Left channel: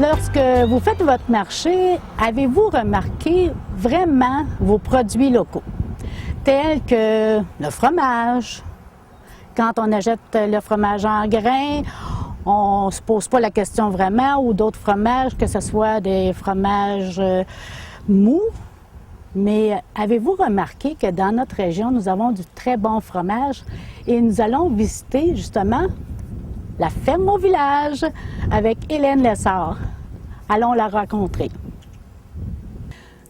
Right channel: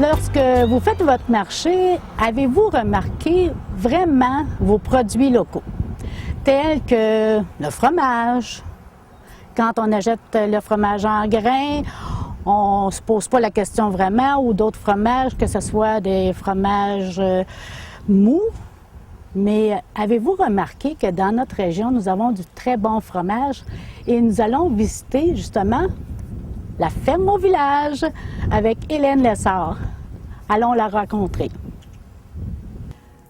Lorsque vous faites votre marché, avez-vous remarqué vraiment vos produits locaux, tels que le fromage? Quand on achète le fromage en grains, on ne se pose pas la question vraiment, ou d'autres fromages, que ce soit des fromages mous. Mais avez-vous remarqué que dans notre région, nous avons du très bon fromage et nous allons visiter justement la ferme au village avec Hélène Lessard. Allons la rencontrer.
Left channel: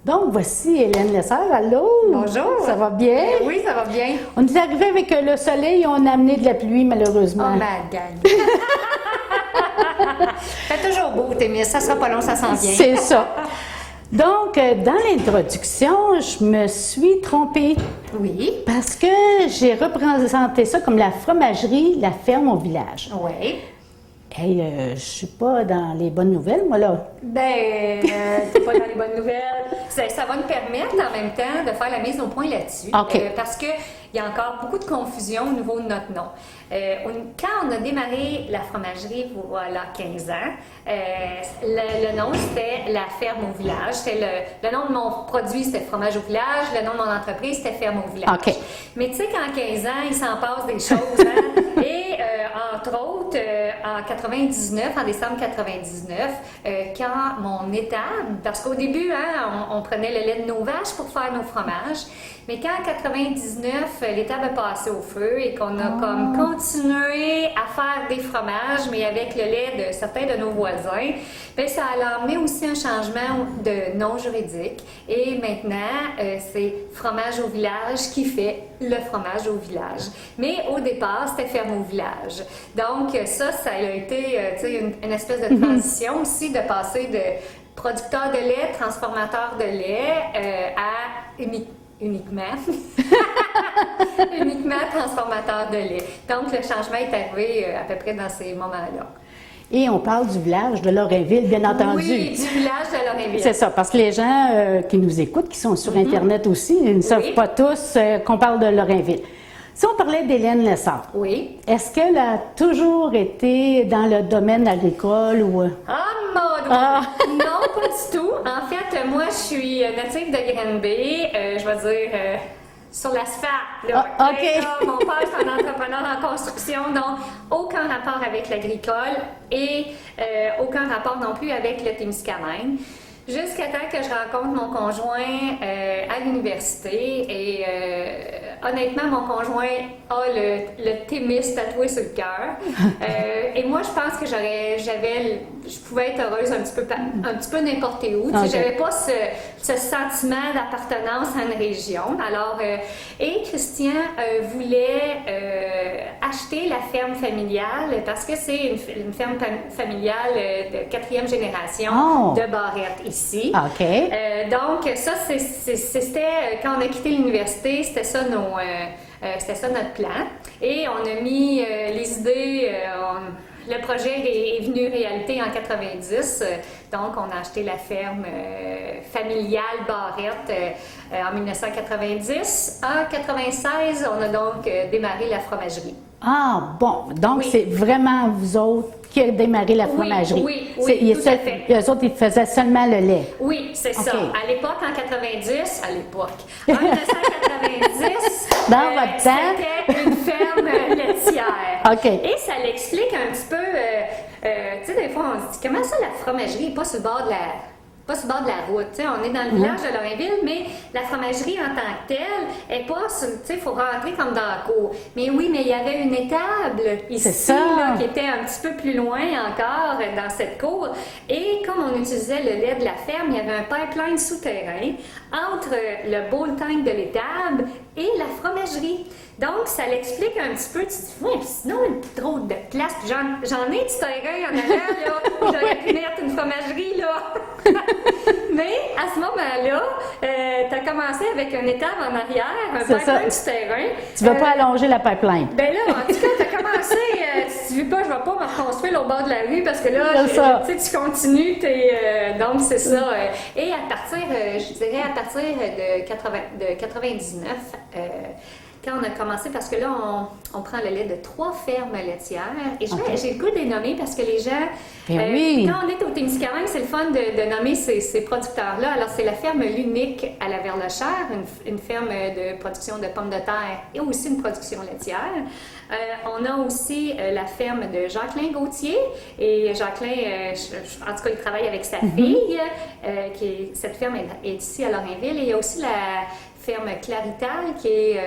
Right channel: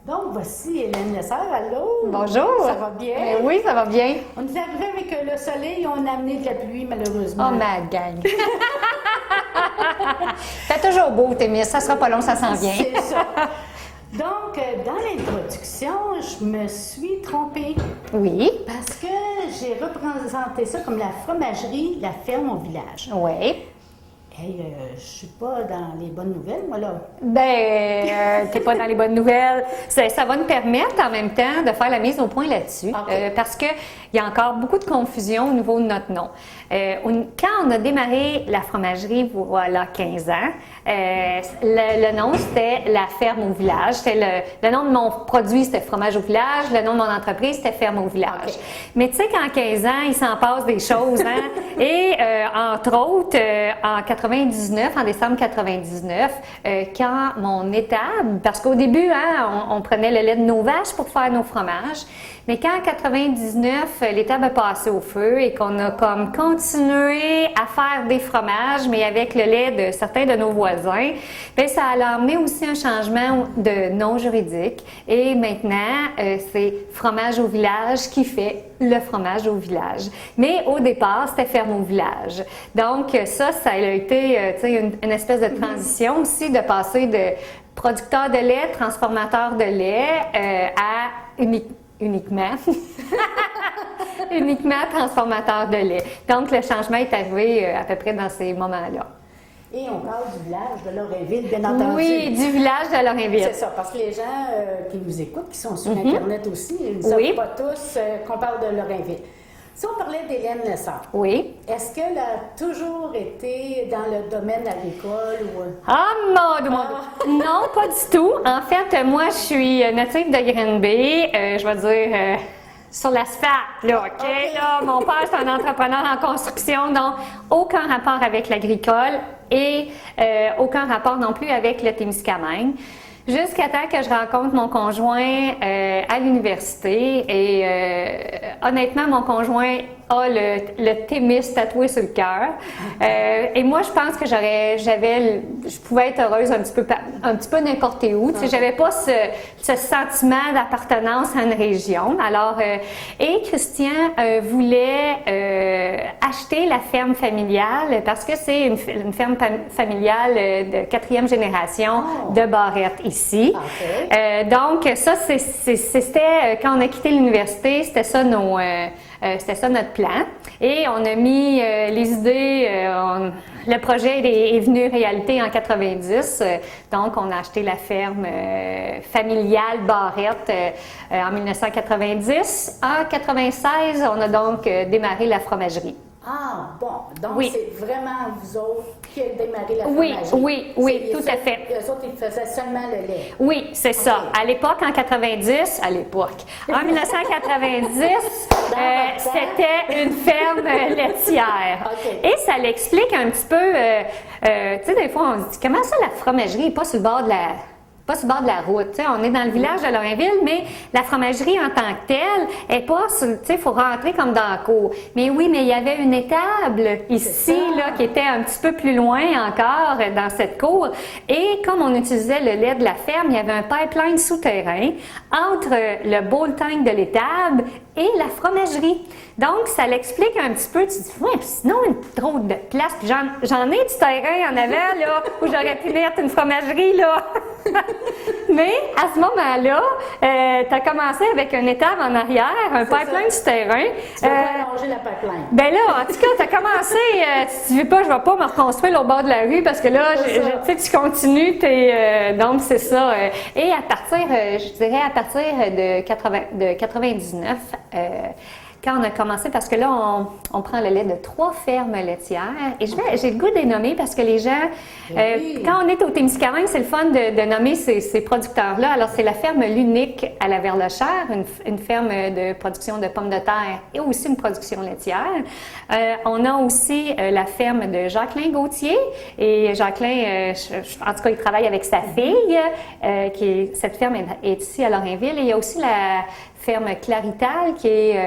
Donc, voici Hélène Lessard. Allô? Bonjour. Ça va bien? Oui, ça va bien. On est arrivé avec le soleil et on a amené de la pluie, malheureusement. Oh, ma gang. C'est toujours beau, Témis. Ça sera pas long, ça s'en vient. C'est ça. Donc, dans l'introduction, je me suis trompée. Oui. Parce que j'ai représenté ça comme la fromagerie, la ferme au village. Oui. Hey, je suis pas dans les bonnes nouvelles, moi, là. Ben, t'es pas dans les bonnes nouvelles. Ça va nous permettre, en même temps, de faire la mise au point là-dessus. OK. Parce qu'il y a encore beaucoup de confusion au niveau de notre nom. Quand on a démarré la fromagerie, voilà, 15 ans, le nom, c'était la ferme au village. Le nom de mon produit, c'était fromage au village. Le nom de mon entreprise, c'était ferme au village. OK. Mais tu sais qu'en 15 ans, il s'en passe des choses, hein? Et entre autres, en décembre 99, quand mon étable, parce qu'au début, hein, on prenait le lait de nos vaches pour faire nos fromages, mais quand en 99, l'étable a passé au feu et qu'on a comme continué à faire des fromages, mais avec le lait de certains de nos voisins, bien, ça a amené aussi un changement de nom juridique. Et maintenant, c'est Fromage au village qui fait le fromage au village. Mais au départ, c'était ferme au village. Donc ça a été une espèce de transition aussi, de passer de producteur de lait, transformateur de lait à uniquement transformateur de lait. Donc, le changement est arrivé à peu près dans ces moments-là. Et on parle du village de Lorrainville, bien entendu. Oui, du village de Lorrainville. C'est ça, parce que les gens qui nous écoutent, qui sont sur Internet aussi, ils ne savent pas tous qu'on parle de Lorrainville. Si on parlait d'Hélène Lessard, oui. Est-ce qu'elle a toujours été dans le domaine agricole ou... Ah, mon doigt! Non, pas du tout. En fait, moi, je suis native de Granby, je vais dire sur l'asphalte, là, OK? Là, mon père, c'est un entrepreneur en construction, donc aucun rapport avec l'agricole et aucun rapport non plus avec le Témiscamingue. Jusqu'à temps que je rencontre mon conjoint à l'université et honnêtement, mon conjoint a le Témis tatoué sur le cœur. Et moi, je pense que je pouvais être heureuse un petit peu n'importe où. Okay. J'avais pas ce sentiment d'appartenance à une région. Alors, et Christian voulait acheter la ferme familiale parce que c'est une ferme familiale de 4e génération de Barrette ici. Okay. Donc, ça, c'était quand on a quitté l'université, c'était ça notre plan. Et on a mis les idées, le projet est venu réalité en 90. Donc, on a acheté la ferme familiale Barrette en 1990. En 96, on a donc démarré la fromagerie. Ah, bon. Donc, oui. C'est vraiment vous autres qui avez démarré la fromagerie. Oui, tout à fait. Eux autres, ils faisaient seulement le lait. Oui, c'est ça. À l'époque, en 1990, en 1990, c'était une ferme laitière. OK. Et ça l'explique un petit peu, tu sais, des fois, on se dit, comment ça, la fromagerie n'est pas sur le bord de la route. T'sais, on est dans le village de Lorrainville, mais la fromagerie en tant que telle est pas sur, il faut rentrer comme dans la cour. Mais oui, mais il y avait une étable ici là, qui était un petit peu plus loin encore dans cette cour. Et comme on utilisait le lait de la ferme, il y avait un pipeline souterrain entre le bowl tank de l'étable et la fromagerie. Donc, ça l'explique un petit peu. Tu te dis, ouais, puis sinon, trop de place. Puis j'en ai du terrain en avant, là, où j'aurais pu mettre une fromagerie, là. Mais à ce moment-là, tu as commencé avec une étable en arrière, un pipeline souterrain. Tu ne veux pas allonger la pipeline. Ben là, en tout cas, tu as commencé, si tu veux pas, je ne vais pas me reconstruire au bord de la rue parce que là, tu continues, donc c'est ça. Et à partir, je dirais à partir de 99, quand on a commencé, parce que là, on prend le lait de 3 fermes laitières. Et j'ai le goût de les nommer parce que les gens, quand on est au Témiscamingue, c'est le fun de nommer ces producteurs-là. Alors, c'est la ferme L'Unique à la Verlechère, une ferme de production de pommes de terre et aussi une production laitière. On a aussi la ferme de Jacqueline Gauthier. Et Jacqueline, en tout cas, il travaille avec sa fille. Cette ferme est ici à Lorrainville. Et il y a aussi la ferme Clarital qui est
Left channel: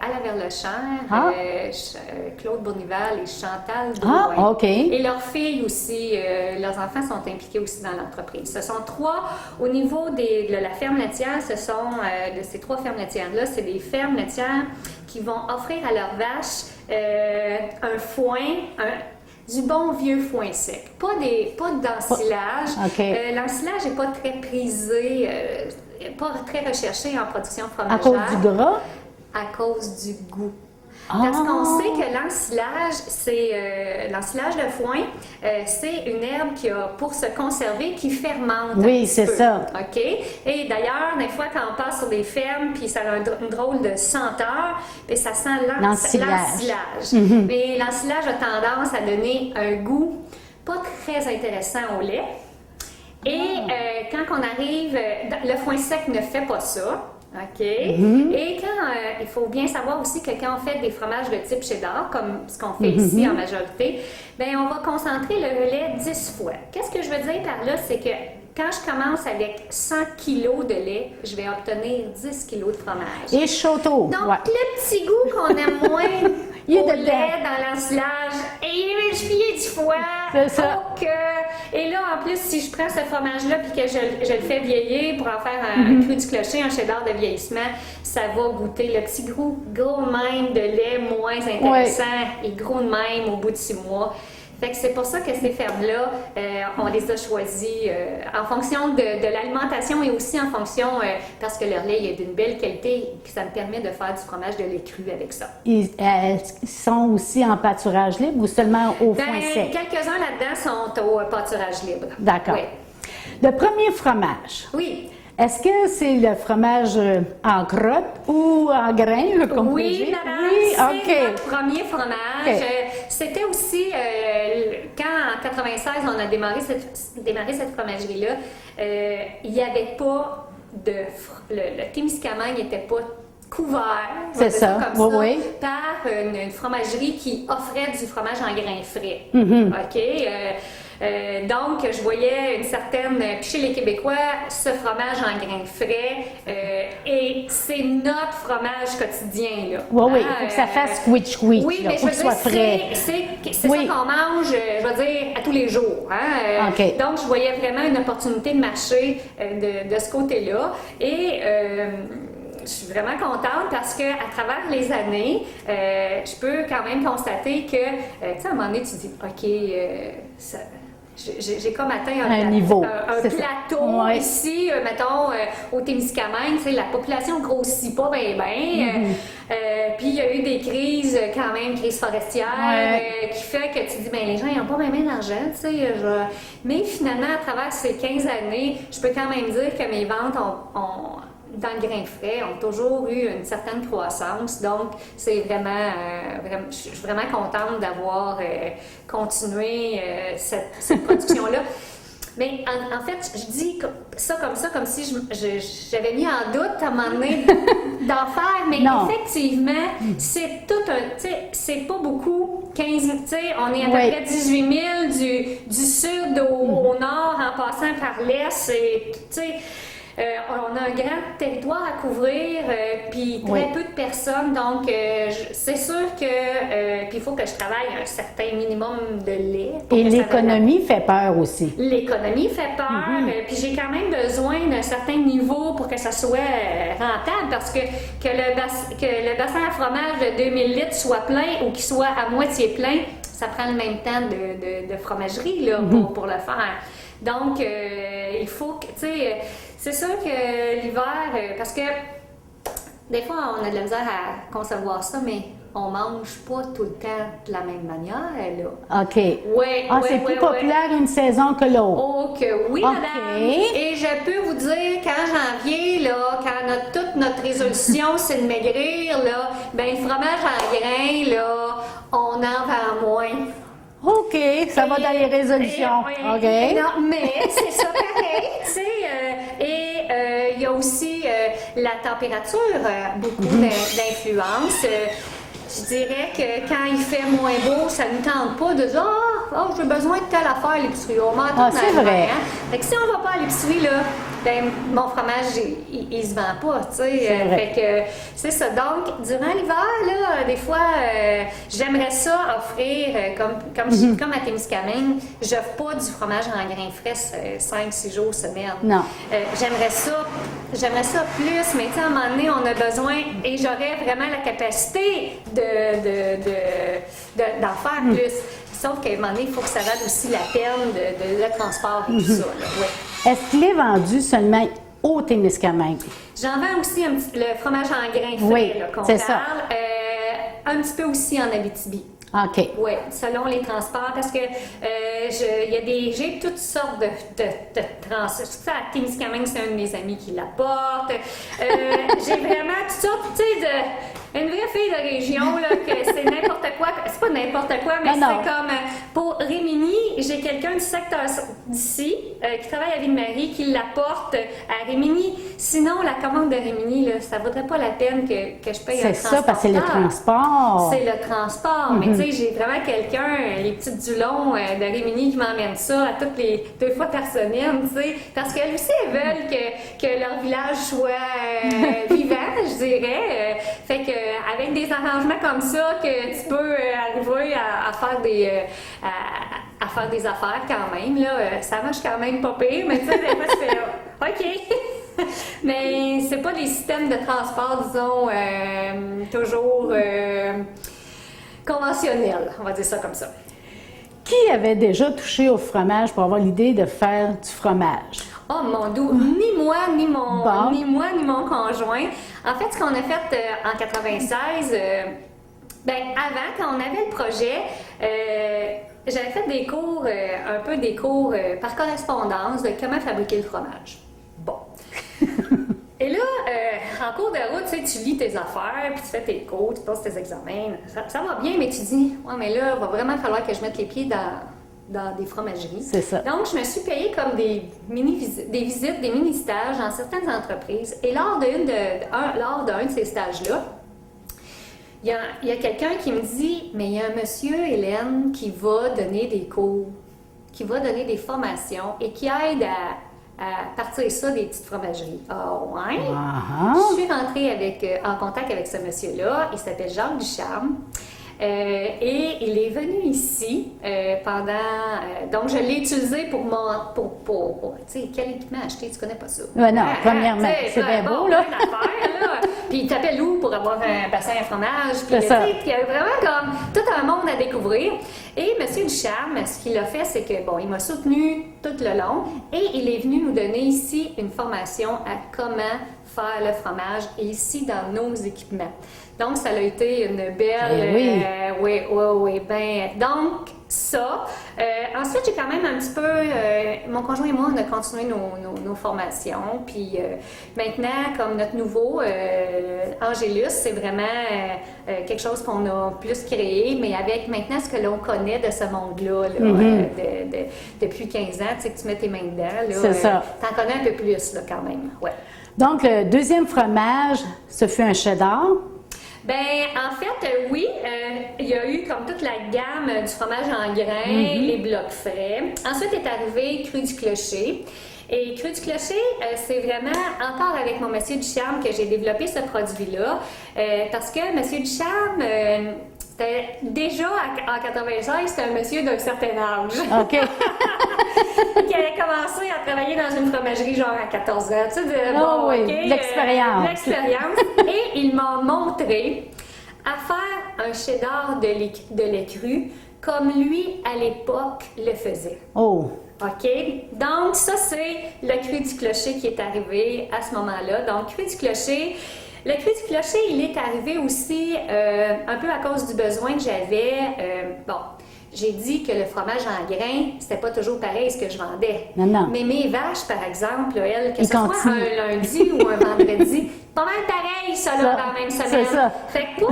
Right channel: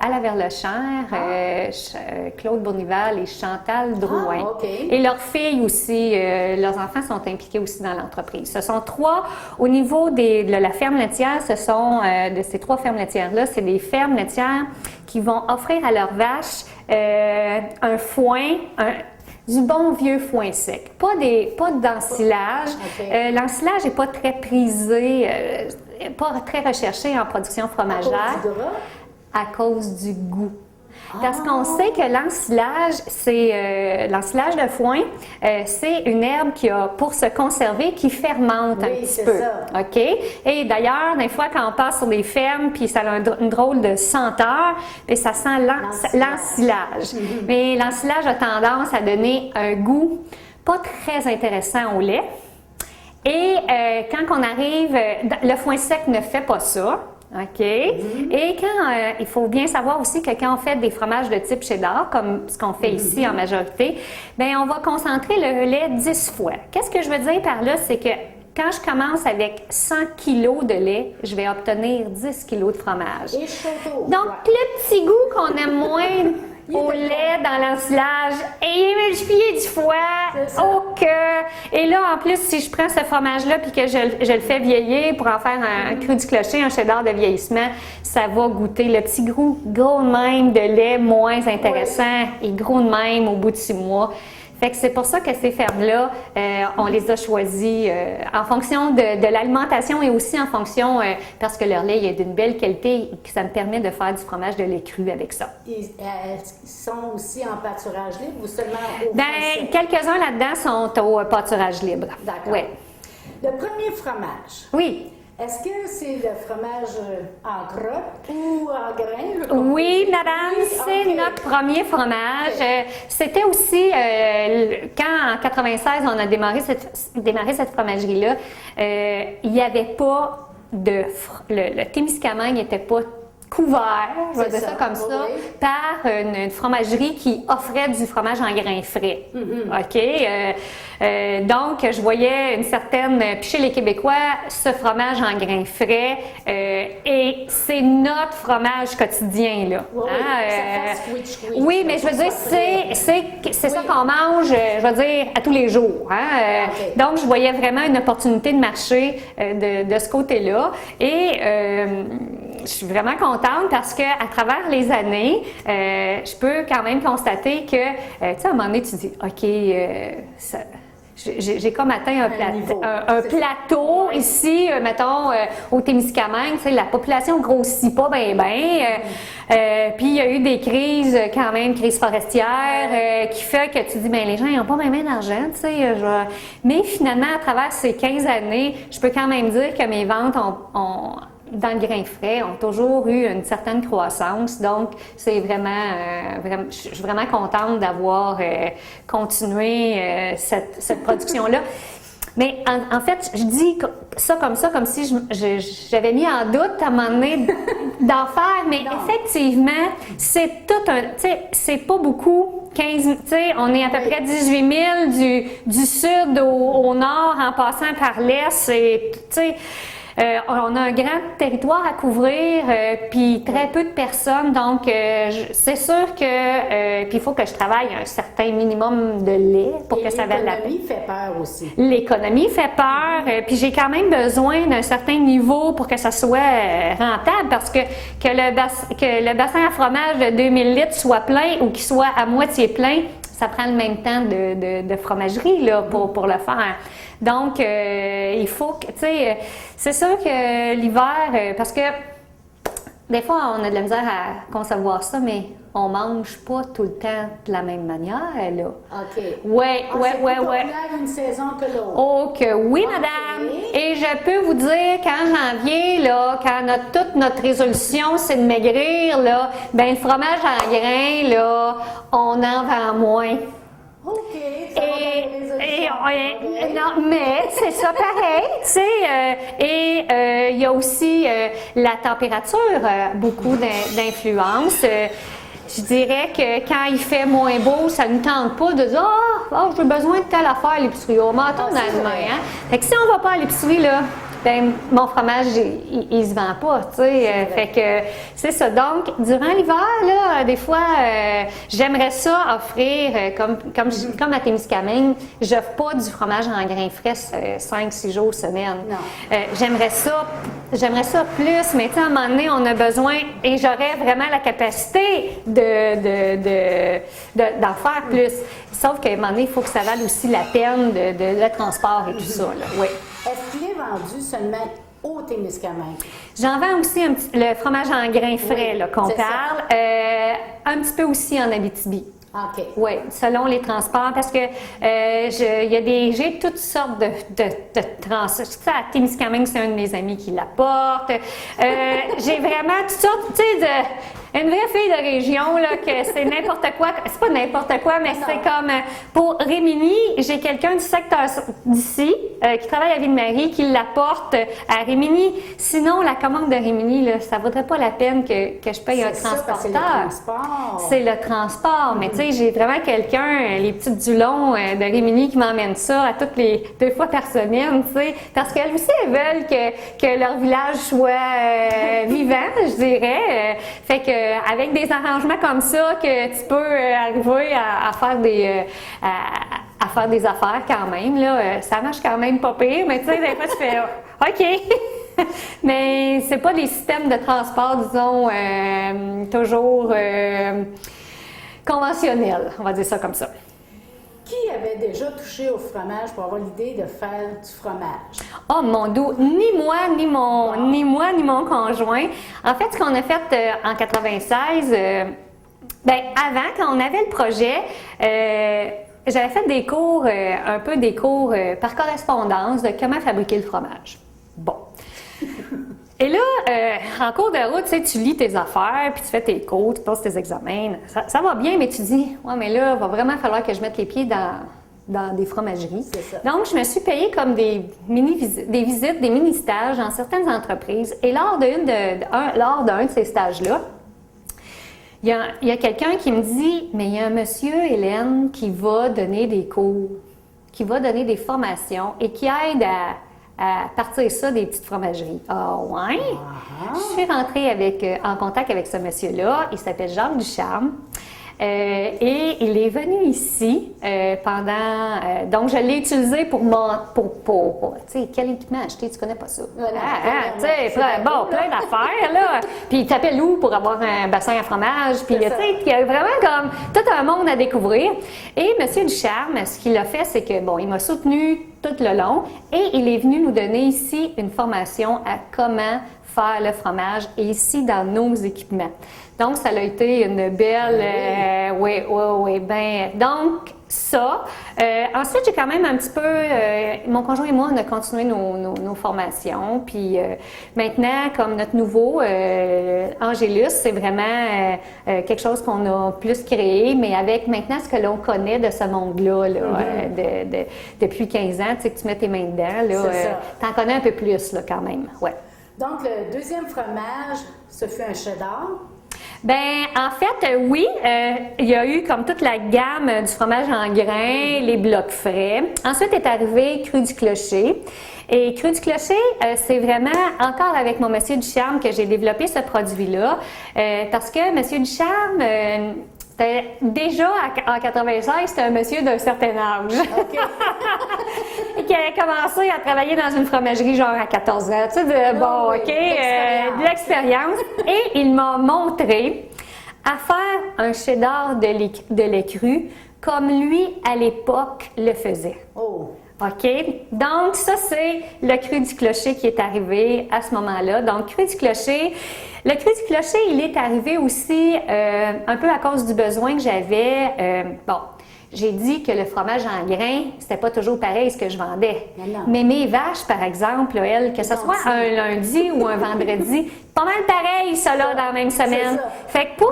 à la Verlechère, Claude Bournival et Chantal Drouin. Et leurs filles aussi, leurs enfants sont impliqués aussi dans l'entreprise. Ce sont 3, au niveau de la ferme laitière, ce sont de ces 3 fermes laitières-là, c'est des fermes laitières qui vont offrir à leurs vaches un foin, du bon vieux foin sec. Pas d'ensilage. L'ensilage n'est pas très prisé, pas très recherché en production fromagère. À cause du gras? À cause du goût. Parce qu'on sait que l'ensilage de foin, c'est une herbe qui a, pour se conserver, qui fermente un petit peu. Oui, c'est ça. OK? Et d'ailleurs, des fois, quand on passe sur des fermes, puis ça a une drôle de senteur, puis ça sent l'ensilage. Mais l'ensilage a tendance à donner un goût pas très intéressant au lait. Et quand on arrive, le foin sec ne fait pas ça. OK. Et il faut bien savoir aussi que quand on fait des fromages de type cheddar, comme ce qu'on fait ici en majorité, bien, on va concentrer le lait 10 fois. Qu'est-ce que je veux dire par là? C'est que quand je commence avec 100 kg de lait, je vais obtenir 10 kg de fromage. Et chotto. Donc, le petit goût qu'on aime moins au lait dans l'ensilage est multiplié du foie au cœur. Et là, en plus, si je prends ce fromage-là puis que je le fais vieillir pour en faire un cru du clocher, un cheddar de vieillissement, ça va goûter le petit goût gros de même de lait moins intéressant et gros de même au bout de 6 mois. Fait que c'est pour ça que ces fermes-là, on les a choisies en fonction de l'alimentation et aussi en fonction, parce que leur lait est d'une belle qualité et que ça me permet de faire du fromage de lait cru avec ça. Ils sont aussi en pâturage libre ou seulement au foin sec? Quelques-uns là-dedans sont au pâturage libre. D'accord. Oui. Le premier fromage. Oui. Est-ce que c'est le fromage en crotte ou en grain? Oui, madame, c'est notre premier fromage. C'était aussi, quand en 96, on a démarré cette fromagerie-là, il n'y avait pas le Témiscamingue n'était pas couvert, c'est ça, comme ça, par une fromagerie qui offrait du fromage en grains frais. OK? Donc, je voyais une certaine, puis chez les Québécois, ce fromage en grains frais, et c'est notre fromage quotidien, là. Oui, il faut que ça fasse squish-squish. Oui, mais je veux dire, c'est ça qu'on mange, je veux dire, à tous les jours. Donc, je voyais vraiment une opportunité de marché de ce côté-là. Et je suis vraiment contente parce qu'à travers les années, je peux quand même constater que, tu sais, à un moment donné, tu dis, OK, j'ai comme atteint un plateau ici, mettons, au Témiscamingue. Tu sais, la population grossit pas bien. Puis il y a eu des crises, quand même, crise forestière, qui fait que tu dis, bien, les gens, ils n'ont pas bien d'argent, tu sais. Mais finalement, à travers ces 15 années, je peux quand même dire que mes ventes dans le grain frais, ont toujours eu une certaine croissance. Donc, c'est vraiment, je suis vraiment contente d'avoir continué cette production-là. Mais en fait, je dis ça, comme si j'avais mis en doute à un moment donné d'en faire. Mais effectivement, c'est tout un... Tu sais, c'est pas beaucoup. 15, tu sais, on est à peu près 18 000 du sud au nord en passant par l'est. Tu sais... on a un grand territoire à couvrir, puis très peu de personnes, donc c'est sûr que puis il faut que je travaille un certain minimum de lait pour que ça vaille. L'économie fait peur aussi. L'économie fait peur, puis j'ai quand même besoin d'un certain niveau pour que ça soit rentable, parce que le bassin à fromage de 2000 litres soit plein ou qu'il soit à moitié plein, ça prend le même temps de fromagerie là, pour le faire. Donc, il faut que, tu sais, c'est sûr que l'hiver, parce que des fois, on a de la misère à concevoir ça, mais on mange pas tout le temps de la même manière, là. OK. Oui, C'est plus populaire une saison que l'autre. Oh, que oui, OK. madame. Et je peux vous dire qu'en janvier, là, quand toute notre résolution, c'est de maigrir, là, ben le fromage en grains, là, on en vend moins. OK, ça va dans les résolutions. OK. Non, mais c'est ça pareil, tu sais. Il y a aussi la température, beaucoup d'influence. Je dirais que quand il fait moins beau, ça ne nous tente pas de dire « Ah, j'ai besoin de telle affaire à l'épicerie. » On va attendre c'est vrai. hein? Fait que si on ne va pas à l'épicerie, là, ben, mon fromage, il se vend pas, tu sais. Fait que c'est ça. Donc, durant l'hiver, là, des fois, j'aimerais ça offrir, comme à Témiscamingue, j'offre pas du fromage en grains frais 5-6 jours semaine. Non. J'aimerais ça plus, mais tu sais, à un moment donné, on a besoin, et j'aurais vraiment la capacité d'en faire plus. Sauf qu'à un moment donné, il faut que ça vaille aussi la peine de transport et tout ça, là. Oui. Est-ce qu'il est vendu seulement au Témiscamingue? J'en vends aussi le fromage en grains frais, Oui, là, qu'on c'est parle. Un petit peu aussi en Abitibi. OK. Oui, selon les transports, parce que j'ai toutes sortes de transports. À Témiscamingue, c'est un de mes amis qui l'apporte. J'ai vraiment toutes sortes, tu sais, une vraie fille de région, là, que c'est n'importe quoi. C'est pas n'importe quoi, mais c'est comme, pour Rimini, j'ai quelqu'un du secteur d'ici, qui travaille à Ville-Marie, qui l'apporte à Rimini. Sinon, la commande de Rimini, là, ça vaudrait pas la peine que je paye un transporteur. C'est ça, parce que c'est le transport. C'est le transport. Mais tu sais, j'ai vraiment quelqu'un, les petites Dulon de Rimini, qui m'emmène ça à toutes les 2 fois par semaine, tu sais. Parce qu'elles aussi, elles veulent que leur village soit vivant, je dirais. Fait que avec des arrangements comme ça, que tu peux arriver à faire des affaires quand même, là, ça marche quand même pas pire, mais tu sais, des fois, tu fais OK. Mais c'est pas des systèmes de transport, disons, toujours conventionnels, on va dire ça comme ça. Qui avait déjà touché au fromage pour avoir l'idée de faire du fromage? Oh mon doux, ni moi, ni mon conjoint. En fait, ce qu'on a fait en 96, avant, quand on avait le projet, j'avais fait des cours, par correspondance de comment fabriquer le fromage. Bon. Et là, en cours de route, tu sais, tu lis tes affaires, puis tu fais tes cours, tu passes tes examens. Ça va bien, mais tu dis, ouais, mais là, il va vraiment falloir que je mette les pieds dans des fromageries. C'est ça. Donc, je me suis payée comme des visites, des mini-stages dans certaines entreprises. Et lors d'un de ces stages-là, il y a quelqu'un qui me dit, mais il y a un monsieur, Hélène, qui va donner des cours, qui va donner des formations et qui aide à partir ça des petites fromageries. Ah ouais? Je suis rentrée en contact avec ce monsieur-là. Il s'appelle Jacques Ducharme. Et il est venu ici donc, je l'ai utilisé pour tu sais, quel équipement acheter? Tu connais pas ça? Ouais, non, premièrement, c'est bien beau, plein d'affaires, là. Puis, il t'appelle où pour avoir un bassin à fromage? Puis, tu sais, il y a vraiment comme tout un monde à découvrir. Et M. Ducharme, ce qu'il a fait, c'est que, bon, il m'a soutenu tout le long et il est venu nous donner ici une formation à comment faire le fromage, et ici, dans nos équipements. Donc, ça a été une belle... oui. Donc, ça. Ensuite, j'ai quand même un petit peu... mon conjoint et moi, on a continué nos formations. Puis maintenant, comme notre nouveau, Angélus, c'est vraiment quelque chose qu'on a plus créé, mais avec maintenant ce que l'on connaît de ce monde-là, depuis 15 ans, tu sais, que tu mets tes mains dedans, là, t'en connais un peu plus, là, quand même. Ouais. Donc, le deuxième fromage, ce fut un cheddar. Ben, en fait, oui, il y a eu comme toute la gamme du fromage en grains, les blocs frais. Ensuite est arrivé Cru du Clocher. Et Cru du Clocher, c'est vraiment encore avec mon monsieur Ducharme que j'ai développé ce produit-là. Parce que monsieur Ducharme, déjà en 96, c'était un monsieur d'un certain âge. OK. Qui avait commencé à travailler dans une fromagerie genre à 14 ans. Tu sais, l'expérience. Et il m'a montré à faire un cheddar de lait cru comme lui, à l'époque, le faisait. Oh! OK? Donc, ça, c'est le cru du clocher qui est arrivé à ce moment-là. Donc, cru du clocher. Le cru du clocher, il est arrivé aussi un peu à cause du besoin que j'avais. J'ai dit que le fromage en grains, c'était pas toujours pareil ce que je vendais. Non. Mais mes vaches, par exemple, elles, que ce soit un lundi ou un vendredi, pas mal pareil, ça, là, dans la même semaine. C'est ça. Fait que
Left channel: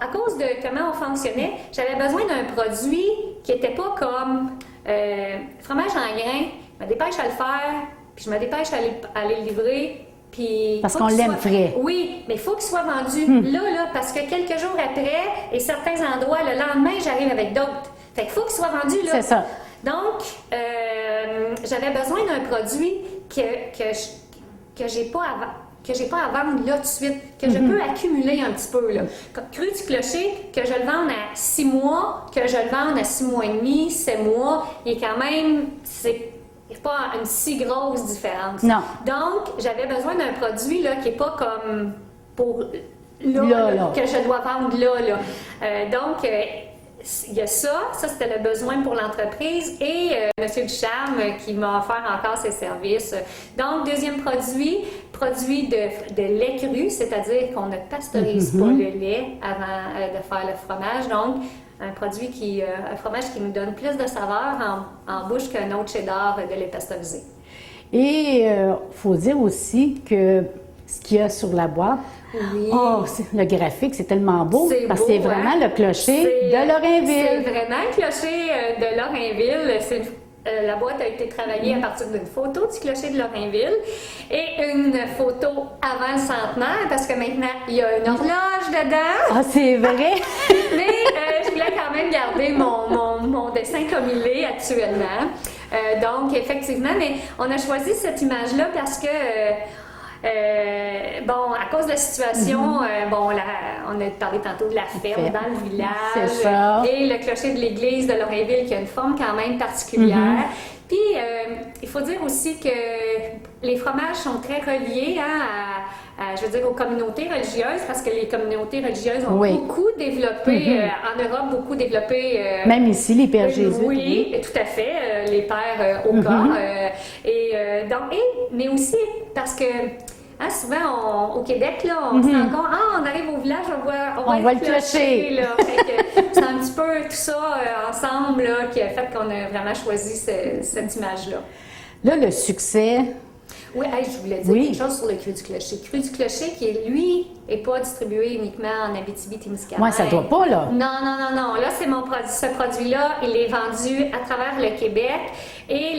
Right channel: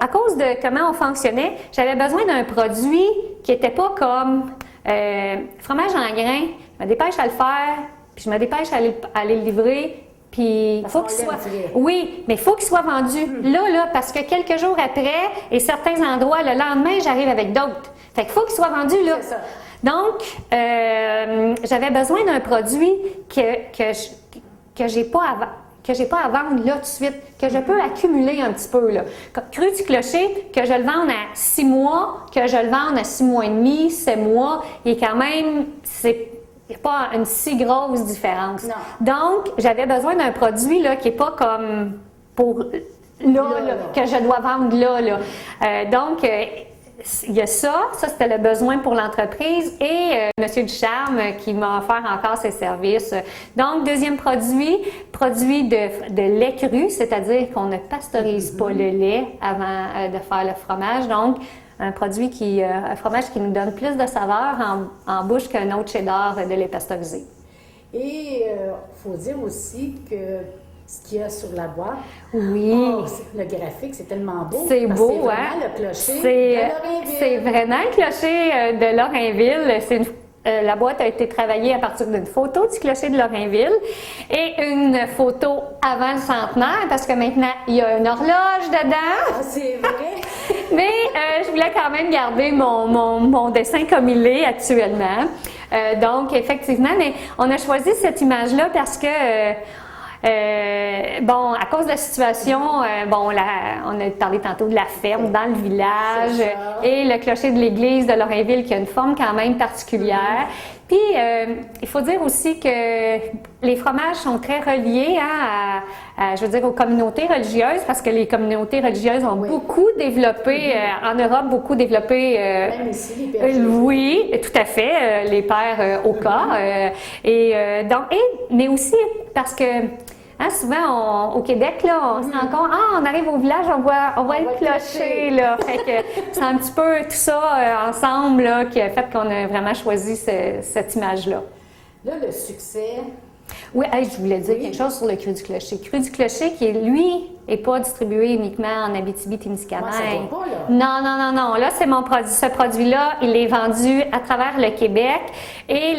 à cause de comment on fonctionnait, j'avais besoin d'un produit qui n'était pas comme fromage en grains, je me dépêche à le faire, puis je me dépêche à le livrer, puis parce qu'on l'aime frais. Oui, mais il faut qu'il soit vendu là, parce que quelques jours après, et certains endroits, le lendemain, j'arrive avec d'autres. Fait qu'il faut qu'il soit vendu là. C'est ça. Donc, j'avais besoin d'un produit que j'ai pas à vendre là tout de suite, que je peux accumuler un petit peu. Là. Cru du clocher, que je le vende à 6 mois, que je le vende à 6 mois et demi, 7 mois, il est quand même, il n'y a pas une si grosse différence. Non. Donc, j'avais besoin d'un produit là, qui n'est pas comme pour là, que je dois vendre là. Donc, il y a ça c'était le besoin pour l'entreprise et M. Ducharme qui m'a offert encore ses services. Donc, deuxième produit de lait cru, c'est-à-dire qu'on ne pasteurise pas le lait avant de faire le fromage. Donc, un fromage qui nous donne plus de saveur en bouche qu'un autre cheddar de lait pasteurisé. Et il faut dire aussi que ce qu'il y a sur la boîte, le graphique, c'est tellement beau. Parce que c'est vraiment le clocher de Lorrainville. C'est vraiment le clocher de Lorrainville. La boîte a été travaillée à partir d'une photo du clocher de Lorrainville et une photo avant le centenaire, parce que maintenant, il y a une horloge dedans. Ah, c'est vrai! Mais je voulais quand même garder mon dessin comme il est actuellement. Donc, effectivement, mais on a choisi cette image-là parce que à cause de la situation, on a parlé tantôt de la ferme dans le village et le clocher de l'église de Lorrainville qui a une forme quand même particulière. Puis, il faut dire aussi que les fromages sont très reliés aux communautés religieuses parce que les communautés religieuses ont beaucoup développé, en Europe, beaucoup développé. Même ici, les pères Jésus. Oui, tout à fait, les pères au cas. Mais aussi parce que souvent, au Québec, là, on se rend compte, on arrive au village, on voit le clocher. Là. Fait que c'est un petit peu tout ça ensemble là, qui a fait qu'on a vraiment choisi cette image-là. Là, le succès. Oui, je voulais dire quelque chose sur le cru du clocher. Le cru du clocher qui, lui, n'est pas distribué uniquement en Abitibi-Témiscamingue. Oui, ça ne doit pas, là. Non. Là, c'est ce produit-là, il est vendu à travers le Québec et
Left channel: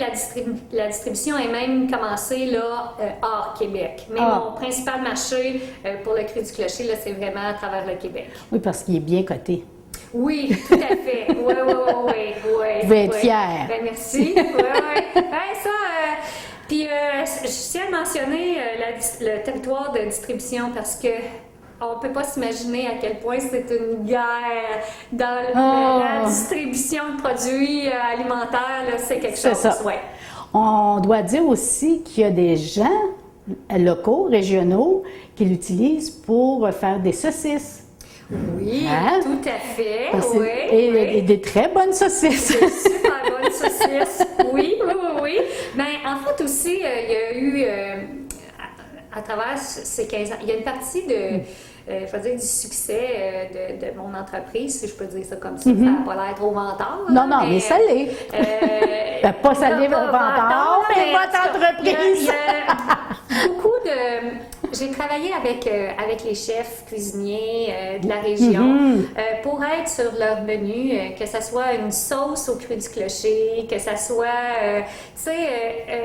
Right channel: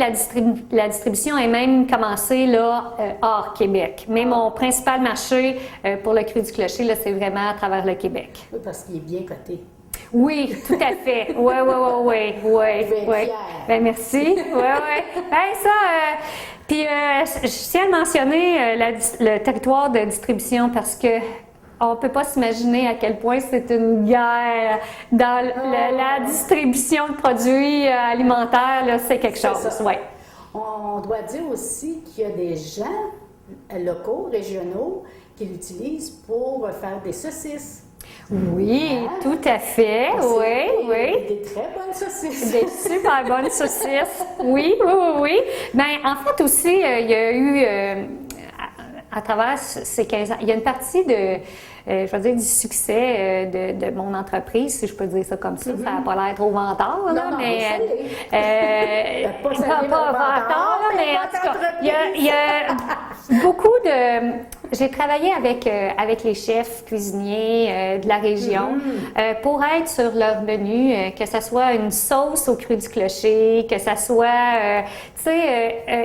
la distribution est même commencée là, hors Québec. Mais mon principal marché pour le cru du clocher, là, c'est vraiment à travers le Québec. Oui, parce qu'il est bien coté. Oui, tout à fait. Oui. Je vais être fière. Ben, merci. Oui. Puis, je tiens à mentionner le territoire de distribution parce que on ne peut pas s'imaginer à quel point c'est une guerre dans la distribution de produits alimentaires. Là, c'est quelque chose. Ça. Ouais. On doit dire aussi qu'il y a des gens locaux, régionaux, qui l'utilisent pour faire des saucisses. Oui, tout à fait. Et des très bonnes saucisses. Des super bonnes saucisses. Oui. Bien, en fait aussi, il y a eu, à travers ces 15 ans, il y a une partie du succès de mon entreprise, si je peux dire ça comme ça. Ça n'a pas l'air trop vantard. Non, mais ça l'est. Pas ça l'est, mon vantard, mais votre entreprise. Il y a beaucoup de... J'ai travaillé avec les chefs cuisiniers de la région pour être sur leur menu, que ce soit une sauce au cru du clocher, que ça soit,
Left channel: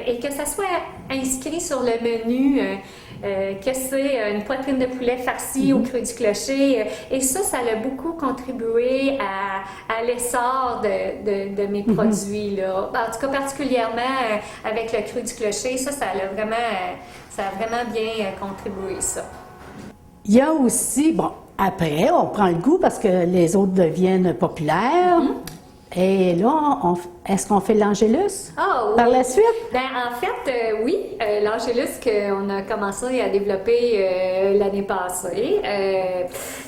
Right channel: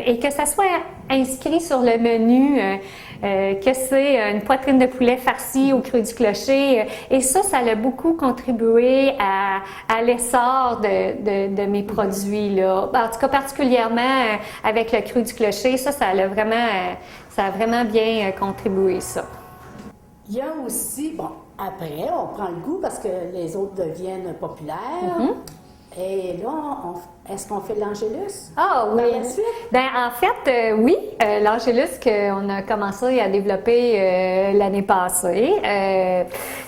et que ça soit inscrit sur le menu, que c'est une poitrine de poulet farcie au cru du clocher. Et ça a beaucoup contribué à l'essor de mes produits, là. En tout cas, particulièrement avec le cru du clocher, ça a vraiment bien contribué, ça. Il y a aussi, après, on prend le goût parce que les autres deviennent populaires. Et là, est-ce qu'on fait l'Angélus Ah oui. par la suite? Bien, en fait, oui, l'Angélus qu'on a commencé à développer l'année passée.